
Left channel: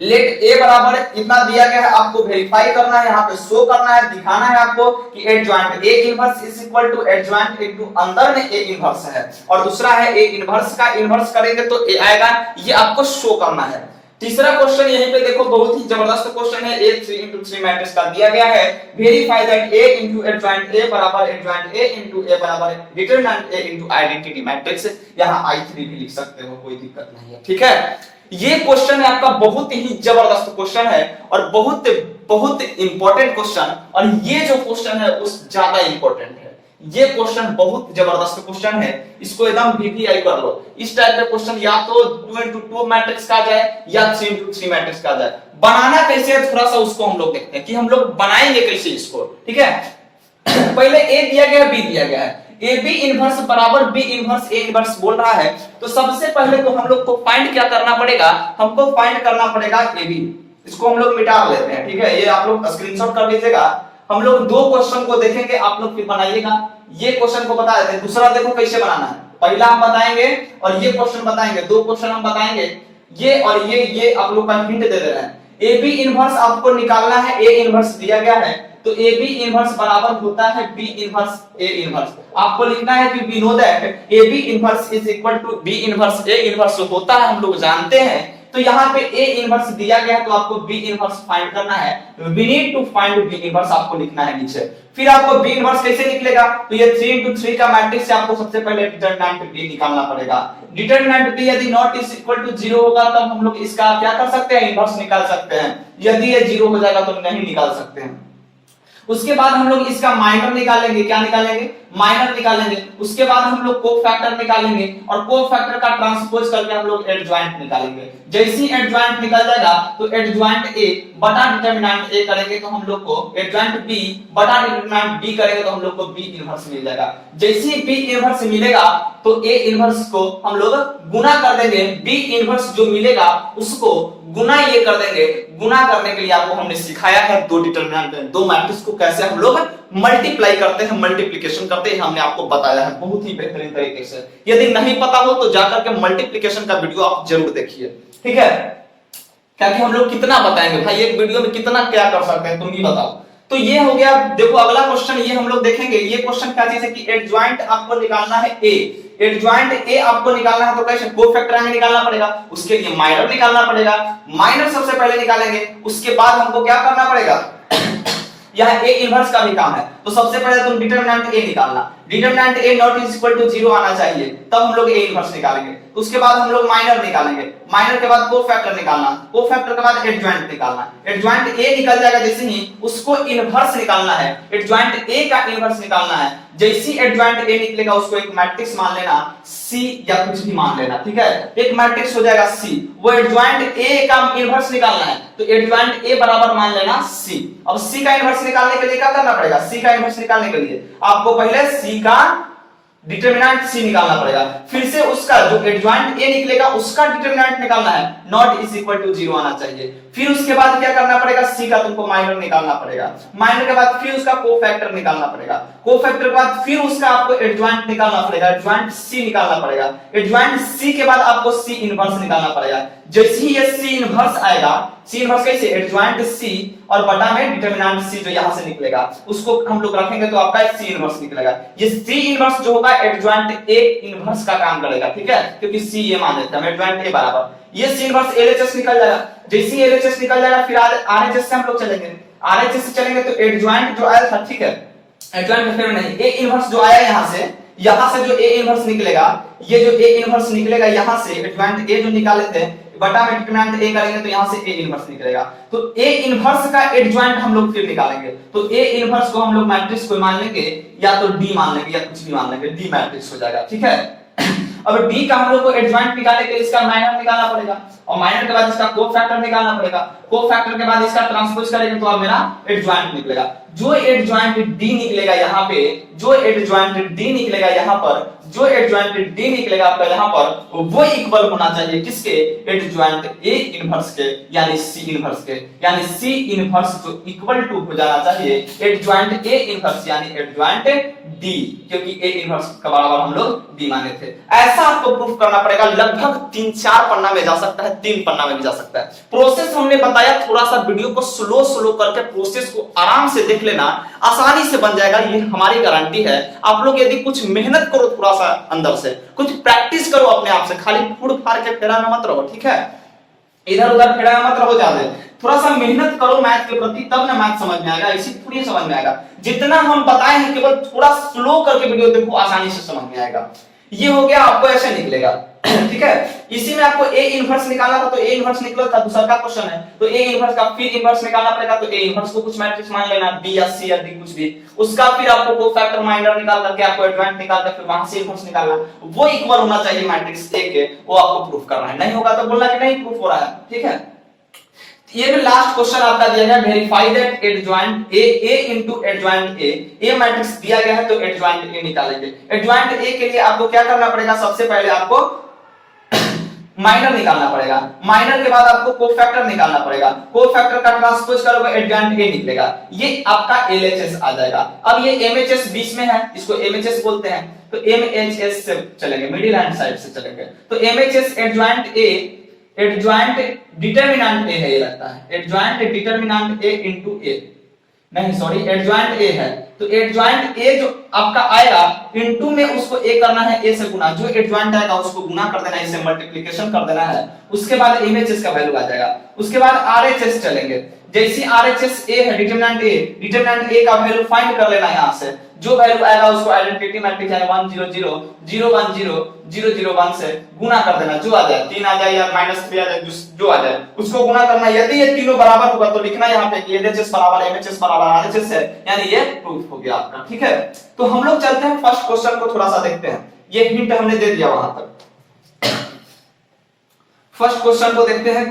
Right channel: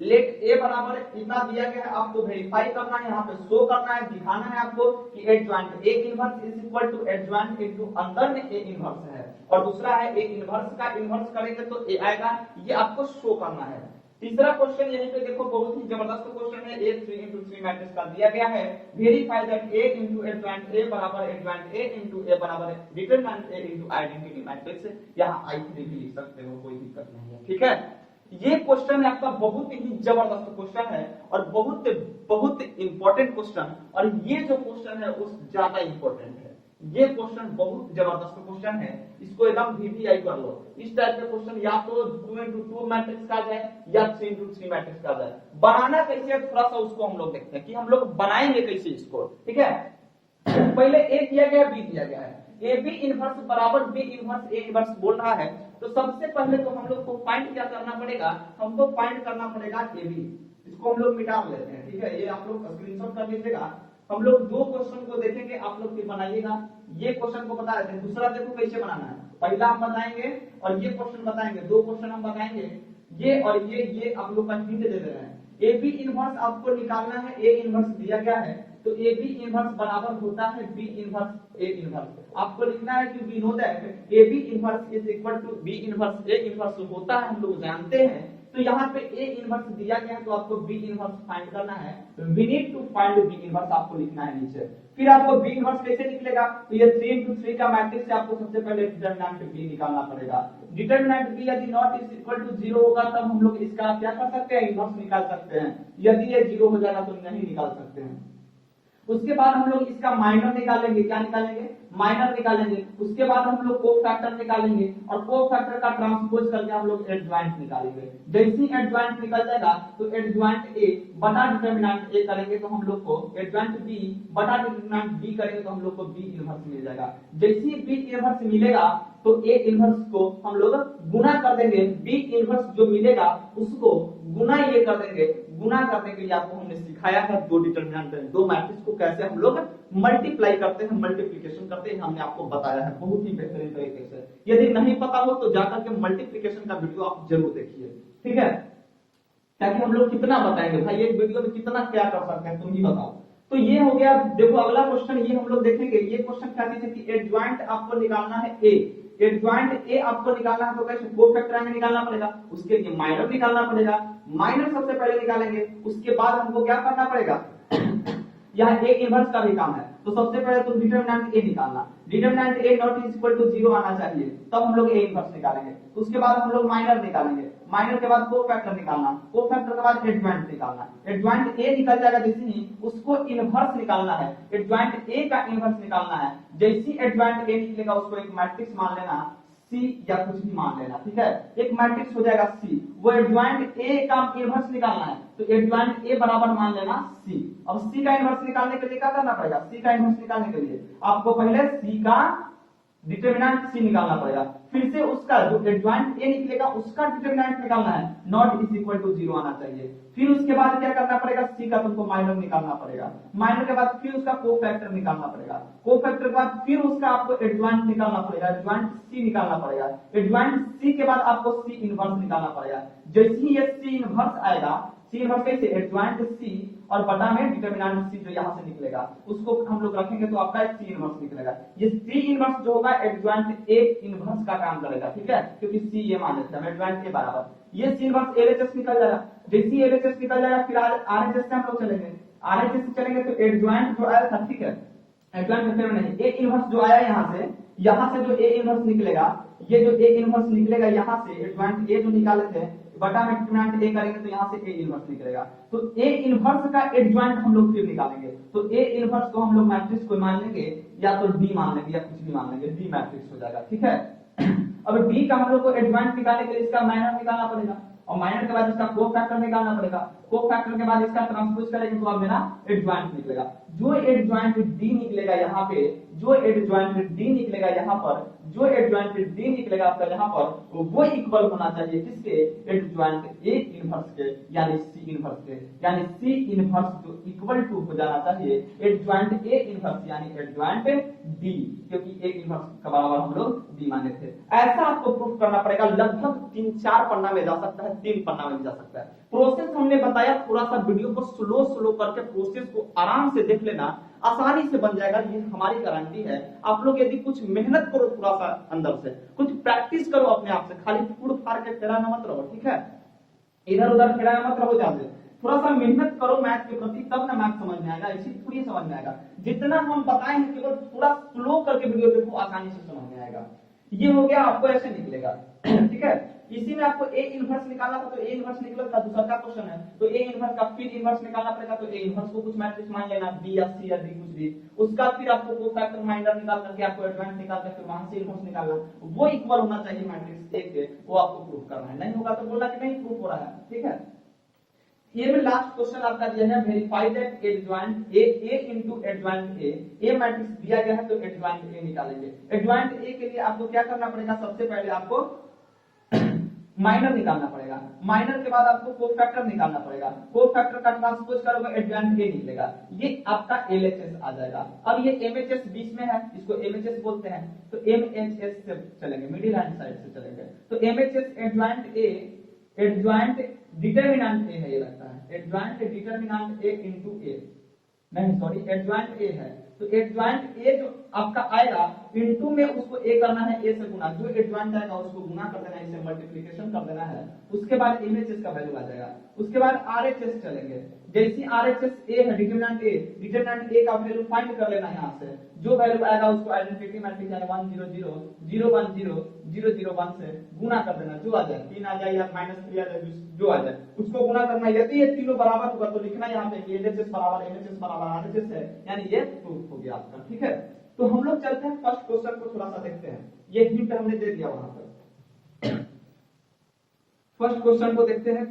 लेट A बराबर इतना दिया गया है, आपको वेरीफाई करना है, यहाँ पे शो करना है, दिखाना है आपको कि adjoint A inverse is equal to adjoint into अंदर में A इनवर्स है, और दूसरा है A इनवर्स का इनवर्स करेंगे तो A आएगा, ये आपको शो करना है। तीसरा क्वेश्चन यहीं पे देखो बहुत ही जबरदस्त क्वेश्चन है, A 3 into 3 मैट्रिक्स का दिया गया है, verify that A into adjoint A बराबर एडजॉइंट A into A बराबर determinant A into identity matrix. यहाँ I3 भी लिख सकते हो, कोई दिक्कत नहीं है, ठीक है। ये क्वेश्चन है आपका बहुत ही जबरदस्त क्वेश्चन है और बहुत इंपॉर्टेंट क्वेश्चन, और ये जो क्वेश्चन है उस ज्यादा इंपॉर्टेंट है। ये क्वेश्चन बहुत जबरदस्त क्वेश्चन है, इसको एकदम VVI कर लो। इस टाइप का क्वेश्चन या तो 2 into 2 मैट्रिक्स का जाए या 3 into 3 मैट्रिक्स का जाए। बनाना कैसे है थोड़ा सा उसको हम लोग देखते हैं कि हम लोग बनाएंगे कैसे इसको, ठीक है। पहले A दिया गया है, B दिया गया है, AB इनवर्स बराबर B इनवर्स A इनवर्स बोल रहा है, तो सबसे पहले तो हम लोग को फाइंड क्या करना पड़ेगा, हमको फाइंड करना पड़ेगा AB। इसको हम लोग मिटा लेते हैं, ठीक है, ये आप लोग स्क्रीनशॉट कर लीजिएगा। हम लोग दो क्वेश्चन को देखेंगे, आप लोग फिर बनाइएगा। ये क्वेश्चन को बता देते हैं, दूसरा देखो कैसे बनाना है। पहला हम बताएंगे और ये क्वेश्चन बताएंगे, दो क्वेश्चन हम बताएंगे, ये और ये आप लोग का हिंट दे रहे हैं। ए बी इनवर्स आपको निकालना है, ए इनवर्स दिया गया है तो ए बी इनवर्स बराबर होता है बी इनवर्स ए इनवर्स। आपको लिखना है कि we know that A B inverse is equal to B inverse A inverse होता है, हम लोग जानते हैं। तो यहाँ पे ए इनवर्स दिया गया है तो आपको बी इनवर्स फाइंड करना है, we need to find B inverse आपको लिखना है नीचे। फिर आपको बी इनवर्स कैसे निकलेगा, तो ये 3 का मैट्रिक्स से आपको सबसे पहले डिटरमिनेंट बी निकालना पड़ेगा। डिटरमिनेंट बी यदि नॉट इज इक्वल टू 0 होगा तब हम लोग इसका क्या कर सकते हैं, इनवर्स निकाल सकते हैं। यदि ये 0 हो जाएगा तो नहीं निकाल सकते हैं। उसके बाद हम लोग इसका माइनर निकालेंगे, क्या निकालेंगे, माइनर निकालेंगे। उसके बाद हम लोग कोफैक्टर निकालेंगे और कोफैक्टर का ट्रांसपोज करके हम लोग एडजॉइंट निकालेंगे। जैसे ही एडजॉइंट निकल जाएगा तो एडजॉइंट ए बटा डिटरमिनेंट ए करेंगे तो हम लोग को एडजॉइंट बी बटा डिटरमिनेंट बी करेंगे तो हम लोग को बी इनवर्स मिल जाएगा। जैसे ही बी इनवर्स मिलेगा तो ए इनवर्स को हम लोग गुना कर देंगे, बी इनवर्स जो मिलेगा उसको गुना ये कर देंगे। गुना करने के लिए आपको हमने सिखाया है दो डिटरमिनेंट, दो मैट्रिक्स को कैसे हम लोग मल्टीप्लाई करते हैं, मल्टीप्लिकेशन करते हैं, हमने आपको बताया है बहुत ही बेहतरीन तरीके से। यदि नहीं पता हो तो जाकर के मल्टीप्लिकेशन का वीडियो आप जरूर देखिए, ठीक है। क्योंकि हम लोग कितना बताएंगे भाई, एक वीडियो में कितना क्या कर सकते हैं तुम ही बताओ। तो ये हो गया। देखो अगला क्वेश्चन ये हम लोग देखेंगे। ये क्वेश्चन क्या चीज है कि एडजॉइंट आपको निकालना है ए, एडजॉइंट ए आपको निकालना है तो कैसे, कोफैक्टर हमें निकालना पड़ेगा। उसके लिए माइनर निकालना पड़ेगा, माइनर सबसे पहले निकालेंगे। उसके बाद हमको क्या करना पड़ेगा, यह ए इनवर्स का भी काम है। तो सबसे पहले तुम डिटरमिनेंट ए निकालना, determinant A not is equal to 0 आना चाहिए, तब हम लोग ए इनवर्स निकालेंगे। उसके बाद हम लोग माइनर निकालेंगे, माइनर के बाद कोफैक्टर निकालना, कोफैक्टर के बाद एडजॉइंट निकालना। एडजॉइंट ए निकल जाएगा जैसे ही उसको इनवर्स निकालना है, एडजॉइंट ए का इनवर्स निकालना है। जैसे ही एडजॉइंट ए निकलेगा उसको एक मैट्रिक्स मान लेना, सी या कुछ भी मान लेना, ठीक है। एक मैट्रिक्स हो जाएगा सी, वो एडजॉइंट ए का इनवर्स निकालना है तो एडजॉइंट ए बराबर मान लेना सी। अब सी का इनवर्स निकालने के लिए क्या करना पड़ेगा, सी का इनवर्स निकालने के लिए आपको पहले सी का डिटरमिनेंट सी निकालना पड़ेगा, फिर से उसका जो एडजॉइंट ए निकलेगा उसका डिटरमिनेंट निकालना है, नॉट इज इक्वल टू 0 आना चाहिए। फिर उसके बाद क्या करना पड़ेगा, सी का तुमको माइनर निकालना पड़ेगा, माइनर के बाद फिर उसका कोफैक्टर निकालना पड़ेगा, कोफैक्टर के बाद फिर उसका आपको एडजॉइंट निकालना पड़ेगा, एडजॉइंट सी निकालना पड़ेगा। एडजॉइंट सी के बाद आपको सी इनवर्स निकालना पड़ेगा। जैसे ही ये सी इनवर्स आएगा, सी इनवर्स कैसे, एडजॉइंट सी और बटा में डिटरमिनेंट सी जो यहां से निकलेगा उसको हम लोग रखेंगे तो आपका सी इनवर्स निकलेगा। ये सी इनवर्स जो होगा एडजॉइंट ए इनवर्स का काम करेगा, ठीक है, क्योंकि सी ये मान लेते हैं एडजॉइंट ए बराबर ये सी इनवर्स एलएचएस निकल जाएगा। जैसे ही एलएचएस निकल जाएगा फिर आरएचएस से हम लोग चलेंगे, आरएचएस से चलेंगे तो एडजॉइंट जो आया था, ठीक है, एडजॉइंट में नहीं, ए इनवर्स जो आया यहां से जो ए इनवर्स निकलेगा, ये जो ए इनवर्स निकलेगा यहां से एडजॉइंट ए जो निकाले थे बटा में डिटरमिनेंट ए करेंगे तो यहां से ए इनवर्स निकलेगा। तो ए इनवर्स का एडजॉइंट हम लोग फिर निकालेंगे तो ए इनवर्स को हम लोग मैट्रिक्स को मान लेंगे या तो डी मान लेंगे या कुछ भी मान लेंगे, डी मैट्रिक्स हो जाएगा, ठीक है। अब डी का हम लोग को एडजॉइंट निकालने के लिए इसका माइनर निकालना पड़ेगा और माइनर के बाद इसका कोफैक्टर निकालना पड़ेगा, कोफैक्टर के बाद इसका ट्रांसपोज करेंगे तो अब मेरा एडजॉइंट निकलेगा। जो एडजॉइंट डी निकलेगा यहाँ पे, जो एडजॉइंट डी निकलेगा यहाँ पर, जो एडजॉइंट डी निकलेगा आपका यहाँ पर वो इक्वल होना चाहिए किसके, एडजॉइंट ए इनवर्स के यानी सी इनवर्स के, यानी सी इनवर्स जो इक्वल टू हो जाना चाहिए एडजॉइंट ए इनवर्स यानी एडजॉइंट डी, क्योंकि ए इनवर्स का बराबर हम लोग डी माने थे। ऐसा आपको प्रूफ करना पड़ेगा, लगभग 3-4 पन्ना में जा सकता है, 3 पन्ना में भी जा सकता है। प्रोसेस हमने बताया, थोड़ा सा वीडियो को स्लो करके प्रोसेस को आराम से देख लेना, आसानी से बन जाएगा, ये हमारी गारंटी है। आप लोग यदि कुछ मेहनत करो, थोड़ा सा अंदर से कुछ प्रैक्टिस करो अपने आप से, खाली फुड़ फाड़ के फेरा में मत रहो, ठीक है, इधर उधर फेरा में मत रहो ज्यादा, थोड़ा सा मेहनत करो मैथ के प्रति, तब ना मैथ समझ में आएगा, ऐसी थोड़ी समझ में आएगा। जितना हम बताए हैं केवल थोड़ा स्लो करके वीडियो देखो, आसानी से समझ में आएगा। ये हो गया, आपको ऐसे निकलेगा, ठीक है। इसी में आपको ए इनवर्स निकालना था तो ए इनवर्स निकला था, दूसरा का क्वेश्चन है तो ए इनवर्स का फिर इनवर्स निकालना पड़ेगा तो ए इनवर्स को कुछ मैट्रिक्स मान लेना, बी या सी या डी कुछ भी, उसका फिर आपको कोफैक्टर माइनर निकाल करके आपको एडजॉइंट निकाल कर फिर वहां से इनवर्स निकालना, वो इक्वल होना चाहिए मैट्रिक्स ए के, वो आपको प्रूफ करना है। नहीं होगा तो बोलना कि नहीं प्रूफ हो रहा है, ठीक है। ये भी लास्ट क्वेश्चन आपका दिया गया, verify that adjoint A into adjoint A matrix दिया गया है तो एडजॉइंट ए निकालेंगे। एडजॉइंट ए के लिए आपको क्या करना पड़ेगा, सबसे पहले आपको माइनर निकालना पड़ेगा, माइनर के बाद आपको कोफैक्टर निकालना पड़ेगा, कोफैक्टर का ट्रांसपोज करोगे एडजॉइंट ए निकलेगा, ये आपका एलएचएस आ जाएगा। अब ये एमएचएस बीच में है, इसको एमएचएस बोलते हैं तो एमएचएस से चलेंगे, मिडिल हैंड साइड से चलेंगे तो MHS adjoint A adjoint determinant A है, ये लगता है adjoint determinant A into A, नहीं सॉरी एडजॉइंट ए है, तो एडजॉइंट ए जो आपका आएगा इनटू में उसको ए करना है, ए से गुना, जो एडजॉइंट आएगा उसको गुना कर देना है, इसे मल्टीप्लिकेशन कर देना है, उसके बाद एमएचएस का वैल्यू आ जाएगा, उसके बाद आरएचएस चलेंगे, जैसे आरएचएस ए है डिटरमिनेंट ए का वैल्यू फाइंड कर लेना है यहां से, जो वैल्यू आएगा उसको आइडेंटिटी मैट्रिक्स यानी 1 0 0 0 1 0 0 0 1 से गुना कर देना, जो आ जाए 3 आ जाए या -3 आ जाए, जो आ जाए उसको गुना करना, यदि ये तीनों बराबर होगा तो लिखना यहां पे कि एलएचएस बराबर एमएचएस बराबर आरएचएस है, यानी ये प्रूफ हो गया आपका। ठीक है, तो हम लोग चलते हैं फर्स्ट क्वेश्चन को थोड़ा सा देखते हैं, ये हिंट हमने दे दिया वहां तक। फर्स्ट क्वेश्चन को देखते हैं,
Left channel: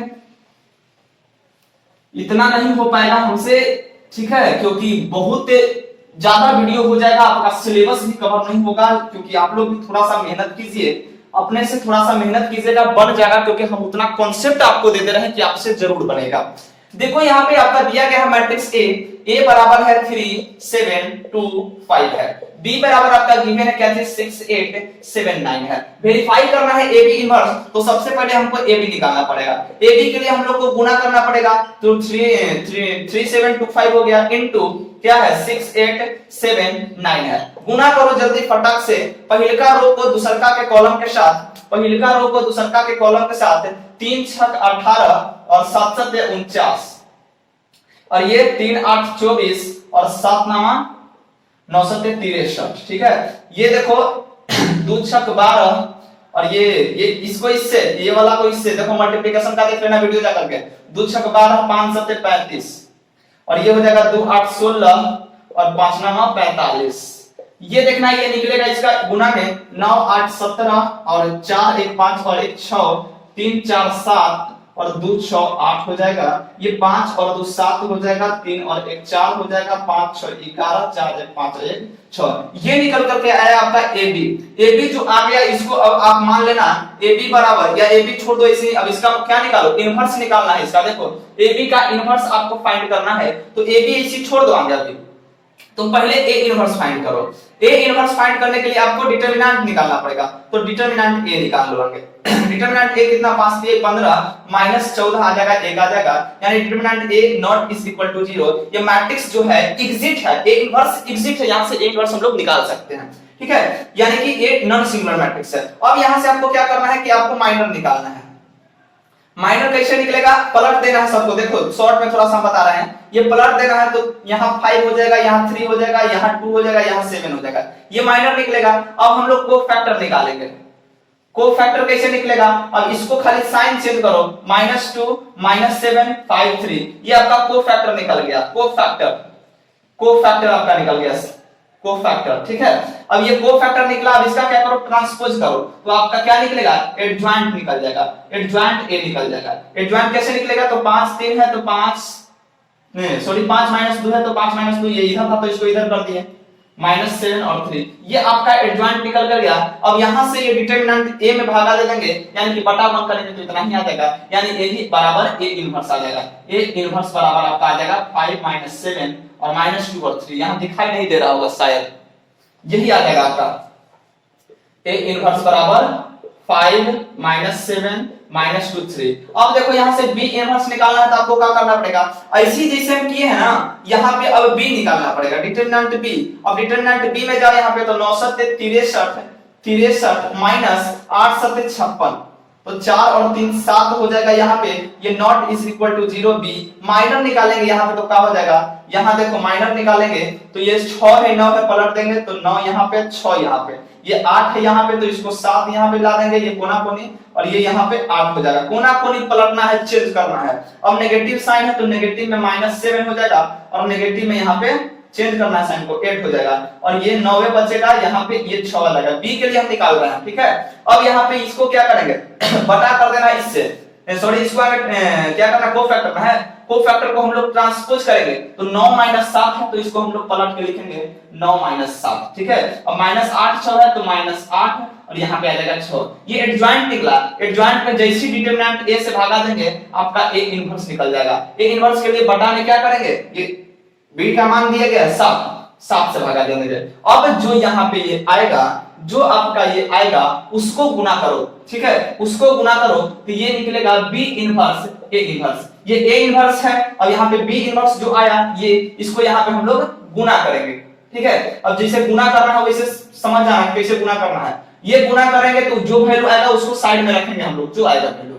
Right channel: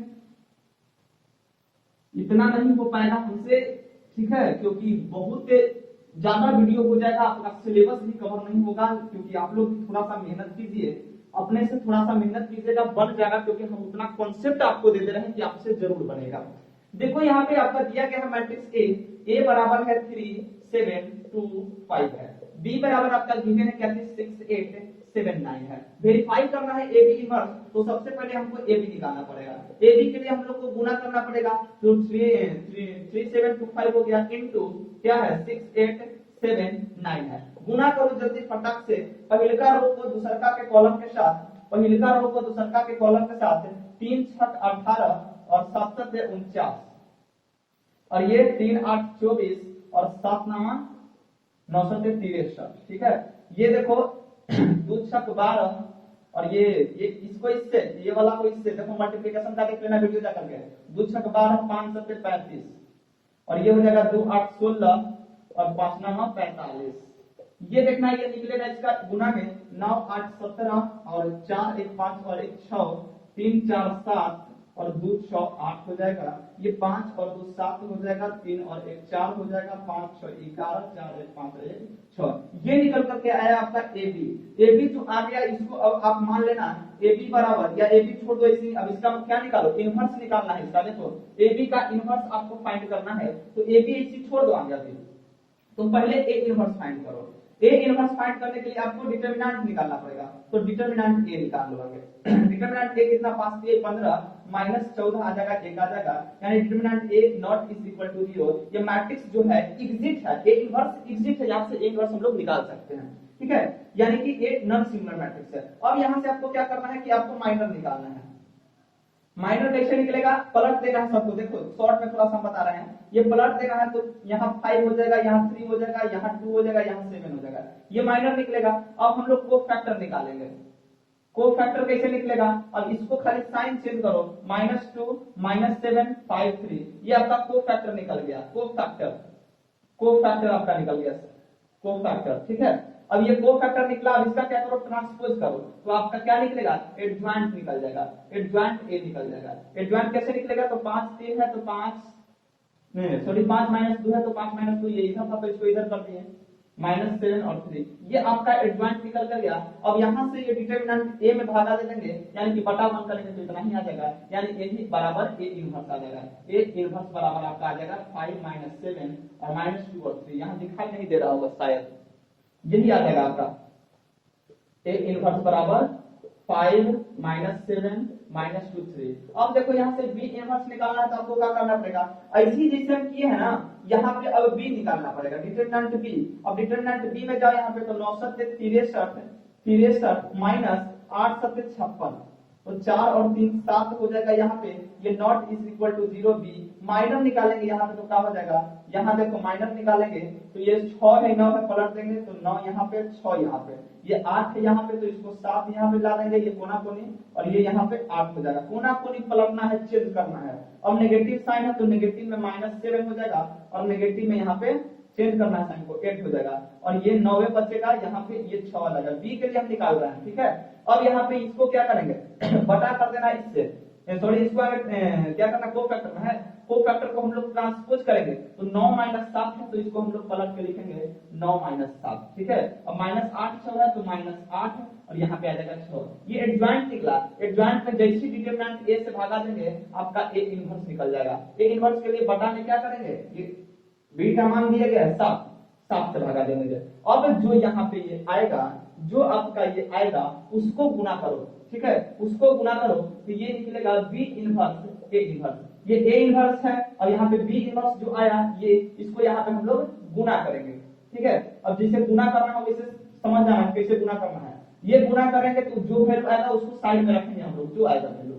इतना नहीं हो पाएगा हमसे, ठीक है, क्योंकि बहुत ज्यादा वीडियो हो जाएगा, आपका सिलेबस भी कवर नहीं होगा, क्योंकि आप लोग भी थोड़ा सा मेहनत कीजिए, अपने से थोड़ा सा मेहनत कीजिएगा, बन जाएगा, क्योंकि हम उतना कॉन्सेप्ट आपको दे दे रहे हैं कि आपसे जरूर बनेगा। देखो यहाँ पे आपका दिया गया है मैट्रिक्स ए बराबर है 3 7 2 5 है, बी बराबर आपका गिवन है क्या चीज 6 8 7 9 है। वेरीफाई करना है ए बी इनवर्स, तो सबसे पहले हमको ए बी निकालना पड़ेगा, ए बी के लिए हम लोग को गुना करना पड़ेगा, तो 3 7 2 5 हो गया इनटू क्या है 6 8 7 9 है। गुना करो जल्दी फटाक से, पहिलका रो को दूसरका के कॉलम के साथ, पहिलका रो को दूसरका के कॉलम के साथ, 3 6 18 और 7 7 49, और ये 3 8 24 और 7 9 9 7 63। ठीक है, ये देखो 2 6 12 और ये इसको इससे, ये वाला को इससे, देखो मल्टीप्लिकेशन का देख लेना वीडियो जा करके, 2 6 12 5 7 35 और ये हो जाएगा 2 8 16 और 5 9 45। ये देखना ये निकलेगा इसका गुना में 9 8 17 और 4 1 5 और 1 6 3 4 7 और 2 6 8 हो जाएगा, ये 5 और 2 7 हो जाएगा, 3 और 1 4 हो जाएगा, 5 6 11 4 1 5 1 6। ये निकल करके आया आपका ए बी जो आ गया, इसको अब आप मान लेना ए बी बराबर, या ए बी छोड़ दो इसे, अब इसका क्या निकालो, इनवर्स निकालना है इसका। देखो ए बी का इनवर्स आपको फाइंड करना है, तो ए बी इसी छोड़ दो आगे, अभी तो पहले ए इनवर्स फाइंड करो। ए इनवर्स फाइंड करने के लिए आपको डिटरमिनेंट निकालना पड़ेगा, तो डिटरमिनेंट ए निकाल लो आगे। डिटरमिनेंट ए कितना 5 3 15 -14 आ जाएगा, 1 आ जाएगा, यानी determinant A not is equal to 0। ये मैट्रिक्स जो है एग्जिट है, ए इनवर्स एग्जिट है, यहां से ए इनवर्स हम लोग निकाल सकते हैं। ठीक है, यानी कि ए नॉन सिंगुलर मैट्रिक्स है। अब यहां से आपको क्या करना है कि आपको माइनर निकालना है। माइनर कैसे निकलेगा, पलट देना है सबको, देखो शॉर्ट में थोड़ा सा बता रहे हैं, ये पलट देना है, तो यहाँ 5 हो जाएगा, यहाँ 3 हो जाएगा, यहाँ 2 हो जाएगा, यहाँ 7 हो जाएगा, ये माइनर निकलेगा। अब हम लोग को फैक्टर निकालेंगे, को फैक्टर कैसे निकलेगा, अब इसको खाली साइन चेंज करो, -2 -7 5 3, ये आपका को फैक्टर निकल गया, को फैक्टर आपका निकल गया, को फैक्टर। ठीक है, अब ये को फैक्टर निकला, अब इसका क्या करो, ट्रांसपोज करो, तो आपका क्या निकलेगा, एडजॉइंट निकल जाएगा, एडजॉइंट ए निकल जाएगा। एडजॉइंट कैसे निकलेगा, तो 5 3 है तो 5 नहीं सॉरी 5 -2 है तो 5 -2, ये इधर था तो इसको इधर कर दिए, -7 और 3, ये आपका एडजॉइंट निकल कर गया। अब यहां से ये डिटरमिनेंट ए में भागा दे देंगे, यानी कि बटा 1 करेंगे तो इतना ही आ जाएगा, यानी ए ही बराबर ए इनवर्स आ जाएगा। ए इनवर्स बराबर आपका आ जाएगा 5 -7 और -2 और 3, यहां दिखाई नहीं दे रहा होगा शायद, यही आ जाएगा आपका ए इनवर्स बराबर 5 -7 -2 3। अब देखो यहां से बी इनवर्स निकालना है, तो आपको क्या करना पड़ेगा, ऐसी जैसे हम किए हैं ना, यहां पे अब बी निकालना पड़ेगा, डिटरमिनेंट बी। अब डिटरमिनेंट बी में जाओ, यहां पे तो 9 7 63 -8 7 56, तो 4 और 3 7 हो जाएगा, यहाँ पे ये not is equal to 0 B. Minor निकालेंगे यहाँ पे तो क्या हो जाएगा, यहाँ देखो माइनर निकालेंगे तो ये 6 है 9 है, पलट देंगे तो 9 यहाँ पे 6 यहाँ पे, ये 8 है यहाँ पे तो इसको 7 यहाँ पे ला देंगे, ये कोना कोनी और ये यहाँ पे 8 हो जाएगा। कोना कोनी पलटना है, चेंज करना है। अब नेगेटिव साइन है तो नेगेटिव में -7 हो जाएगा और नेगेटिव में यहाँ पे चेंज करना है साइन को, 8 हो जाएगा और ये 9 बचेगा, यहाँ पे ये 6 आ जाएगा। बी के लिए हम निकाल रहे हैं, ठीक है। अब यहाँ पे इसको क्या करेंगे बटा कर देना इससे, सॉरी इसको क्या करना, को फैक्टर है, को फैक्टर को हम लोग ट्रांसपोज करेंगे तो 9 - 7 है तो इसको हम लोग पलट के लिखेंगे 9 - 7, ठीक है। अब -8 6 है तो -8 और यहाँ पे आ जाएगा 6। ये एडजॉइंट निकला, एडजॉइंट में जैसी डिटरमिनेंट ए से भागा देंगे आपका ए इनवर्स निकल जाएगा। ए इनवर्स के लिए बटा में क्या करेंगे, ये बी का मान दिया गया 7 से भागा देंगे। अब जो यहाँ पे ये आएगा जो आपका ये आएगा उसको गुना करो, ठीक है, उसको गुना करो तो ये निकलेगा बी इनवर्स ए इनवर्स। ये ए इनवर्स है और यहाँ पे बी इनवर्स जो आया ये, इसको यहाँ पे हम लोग गुना करेंगे, ठीक है। अब जैसे गुना करना है वैसे समझ जाना है कैसे गुना करना है। ये गुना करेंगे तो जो वैल्यू आएगा उसको साइड में रखेंगे हम लोग, जो आएगा वैल्यू।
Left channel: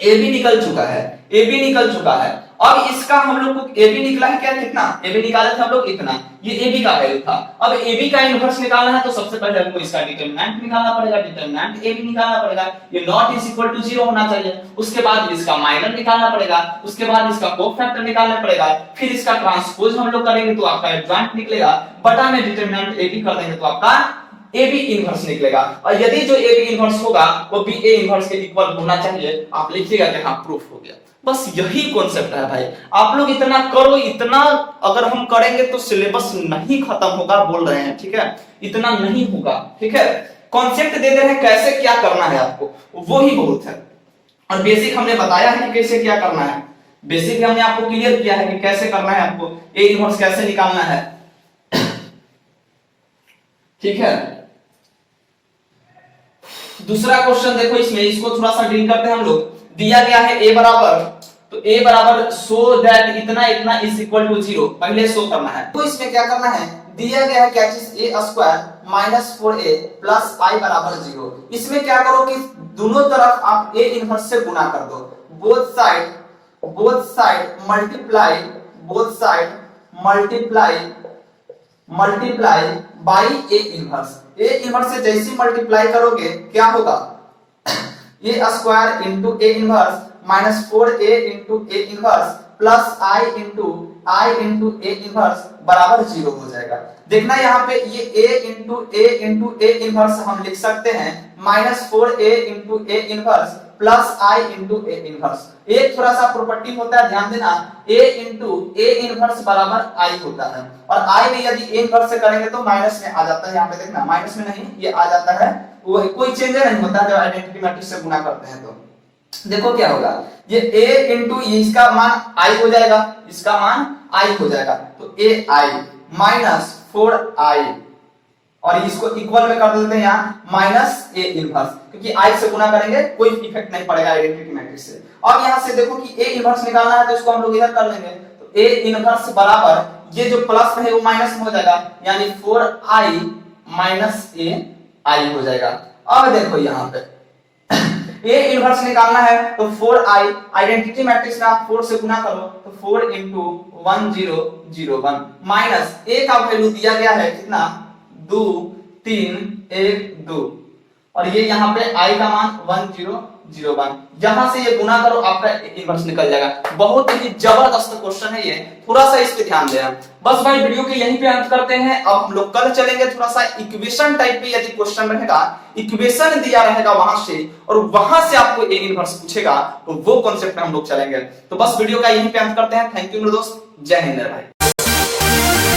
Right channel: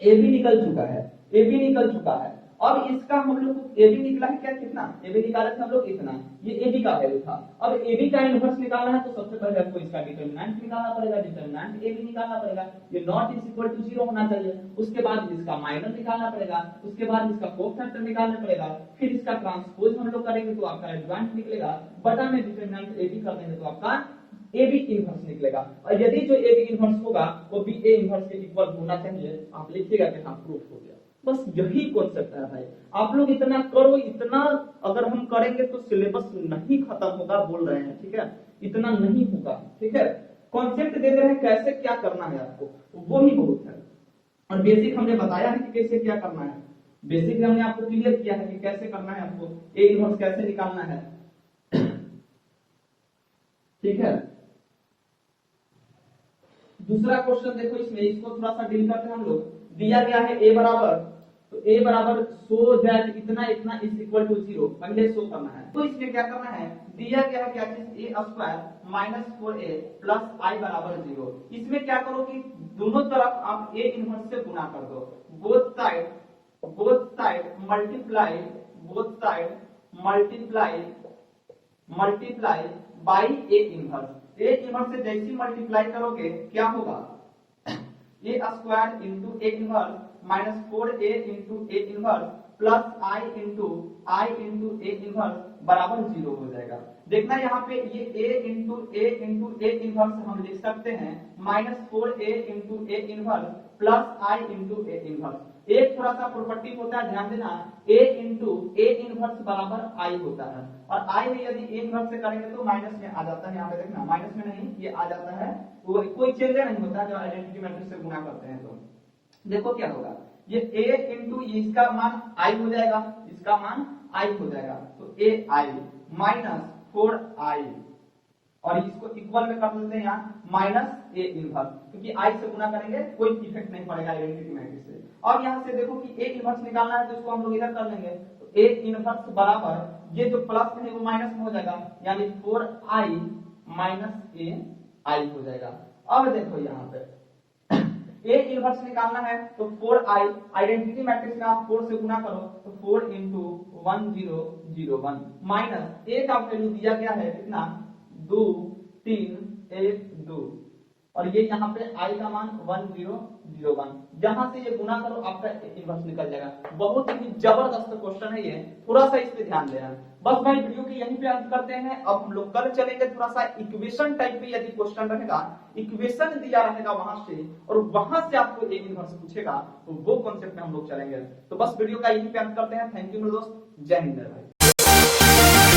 ए बी निकल चुका है, ए बी निकल चुका है। अब इसका हम लोग को ए बी निकला है क्या, कितना ए बी निकाले थे हम लोग, इतना, ये ए बी का वैल्यू था। अब ए बी का इनवर्स निकालना है तो सबसे पहले हमको इसका डिटरमिनेंट निकालना पड़ेगा, डिटरमिनेंट ए बी निकालना पड़ेगा, ये नॉट इज इक्वल टू 0 होना चाहिए। उसके बाद इसका माइनर निकालना पड़ेगा, उसके बाद इसका कोफैक्टर निकालना पड़ेगा, फिर इसका ट्रांसपोज हम लोग करेंगे तो आपका एडजॉइंट निकलेगा, बटा में डिटरमिनेंट ए बी कर देंगे तो आपका ए बी इनवर्स निकलेगा। और यदि जो ए बी इनवर्स होगा वो बी ए इनवर्स के इक्वल होना चाहिए, आप लिखिएगा कि हाँ प्रूफ हो गया। बस यही कॉन्सेप्ट है भाई, आप लोग इतना करो, इतना अगर हम करेंगे तो सिलेबस नहीं खत्म होगा, बोल रहे हैं, ठीक है, इतना नहीं होगा, ठीक है। कॉन्सेप्ट दे दे रहे हैं कैसे क्या करना है आपको, वो ही बहुत है। और बेसिक हमने बताया है कि कैसे क्या करना है, बेसिक हमने आपको क्लियर किया है कि कैसे करना है, आपको ए इनवर्स कैसे निकालना है, ठीक है। दूसरा क्वेश्चन देखो इसमें, इसको थोड़ा सा डील करते हैं हम लोग। दिया गया है a बराबर, तो a बराबर सो दैट इतना इतना इज इक्वल टू 0, पहले शो करना है। तो इसमें क्या करना है, दिया गया है क्या चीज, a square minus 4a plus i बराबर 0। इसमें क्या करो कि दोनों तरफ आप a इनवर्स से गुना कर दो, both side multiply, both side multiply by a inverse. a inverse से जैसे मल्टीप्लाई करोगे क्या होगा, a square into a inverse minus 4a into a inverse plus i into a inverse बराबर 0 हो जाएगा। देखना यहाँ पे ये a इंटू a इनवर्स हम लिख सकते हैं minus 4a into a inverse plus i into a inverse. एक थोड़ा सा प्रॉपर्टी होता है, ध्यान देना, a इंटू a इनवर्स बराबर i होता है, और i में यदि a इनवर्स से करेंगे तो माइनस में आ जाता है। यहाँ पे देखना माइनस में नहीं, ये आ जाता है, वो कोई चेंज नहीं होता जब आइडेंटिटी मैट्रिक्स से गुना करते हैं। तो देखो क्या होगा, ये a इंटू इसका मान i हो जाएगा, इसका मान i हो जाएगा, तो ai माइनस 4i, और इसको इक्वल में कर देते हैं यहाँ माइनस a इनवर्स, क्योंकि i से गुना करेंगे कोई इफेक्ट नहीं पड़ेगा आइडेंटिटी मैट्रिक्स से। अब यहाँ से देखो कि a इनवर्स निकालना है तो इसको हम लोग इधर कर लेंगे, तो a इनवर्स बराबर ये जो प्लस है वो माइनस में हो जाएगा, यानी 4i माइनस ai हो जाएगा। अब देखो यहाँ पे a इनवर्स निकालना है तो 4i, आइडेंटिटी मैट्रिक्स में आप 4 से गुना करो तो 4 इंटू 1001 माइनस a का वैल्यू दिया गया है कितना, 2 3 1 2, और ये यहाँ पे i का मान 1001, यहां से ये गुना करो आपका इनवर्स निकल जाएगा। बहुत ही जबरदस्त क्वेश्चन है ये, थोड़ा सा इस पे ध्यान देना। बस भाई वीडियो के यहीं पे अंत करते हैं। अब हम लोग कल चलेंगे थोड़ा सा इक्वेशन टाइप पे, यदि क्वेश्चन रहेगा, इक्वेशन दिया रहेगा वहां से, और वहां से आपको ए इनवर्स पूछेगा तो वो कॉन्सेप्ट में हम लोग चलेंगे। तो बस वीडियो का यहीं पे अंत करते हैं। थैंक यू मेरे दोस्त, जय हिंद भाई।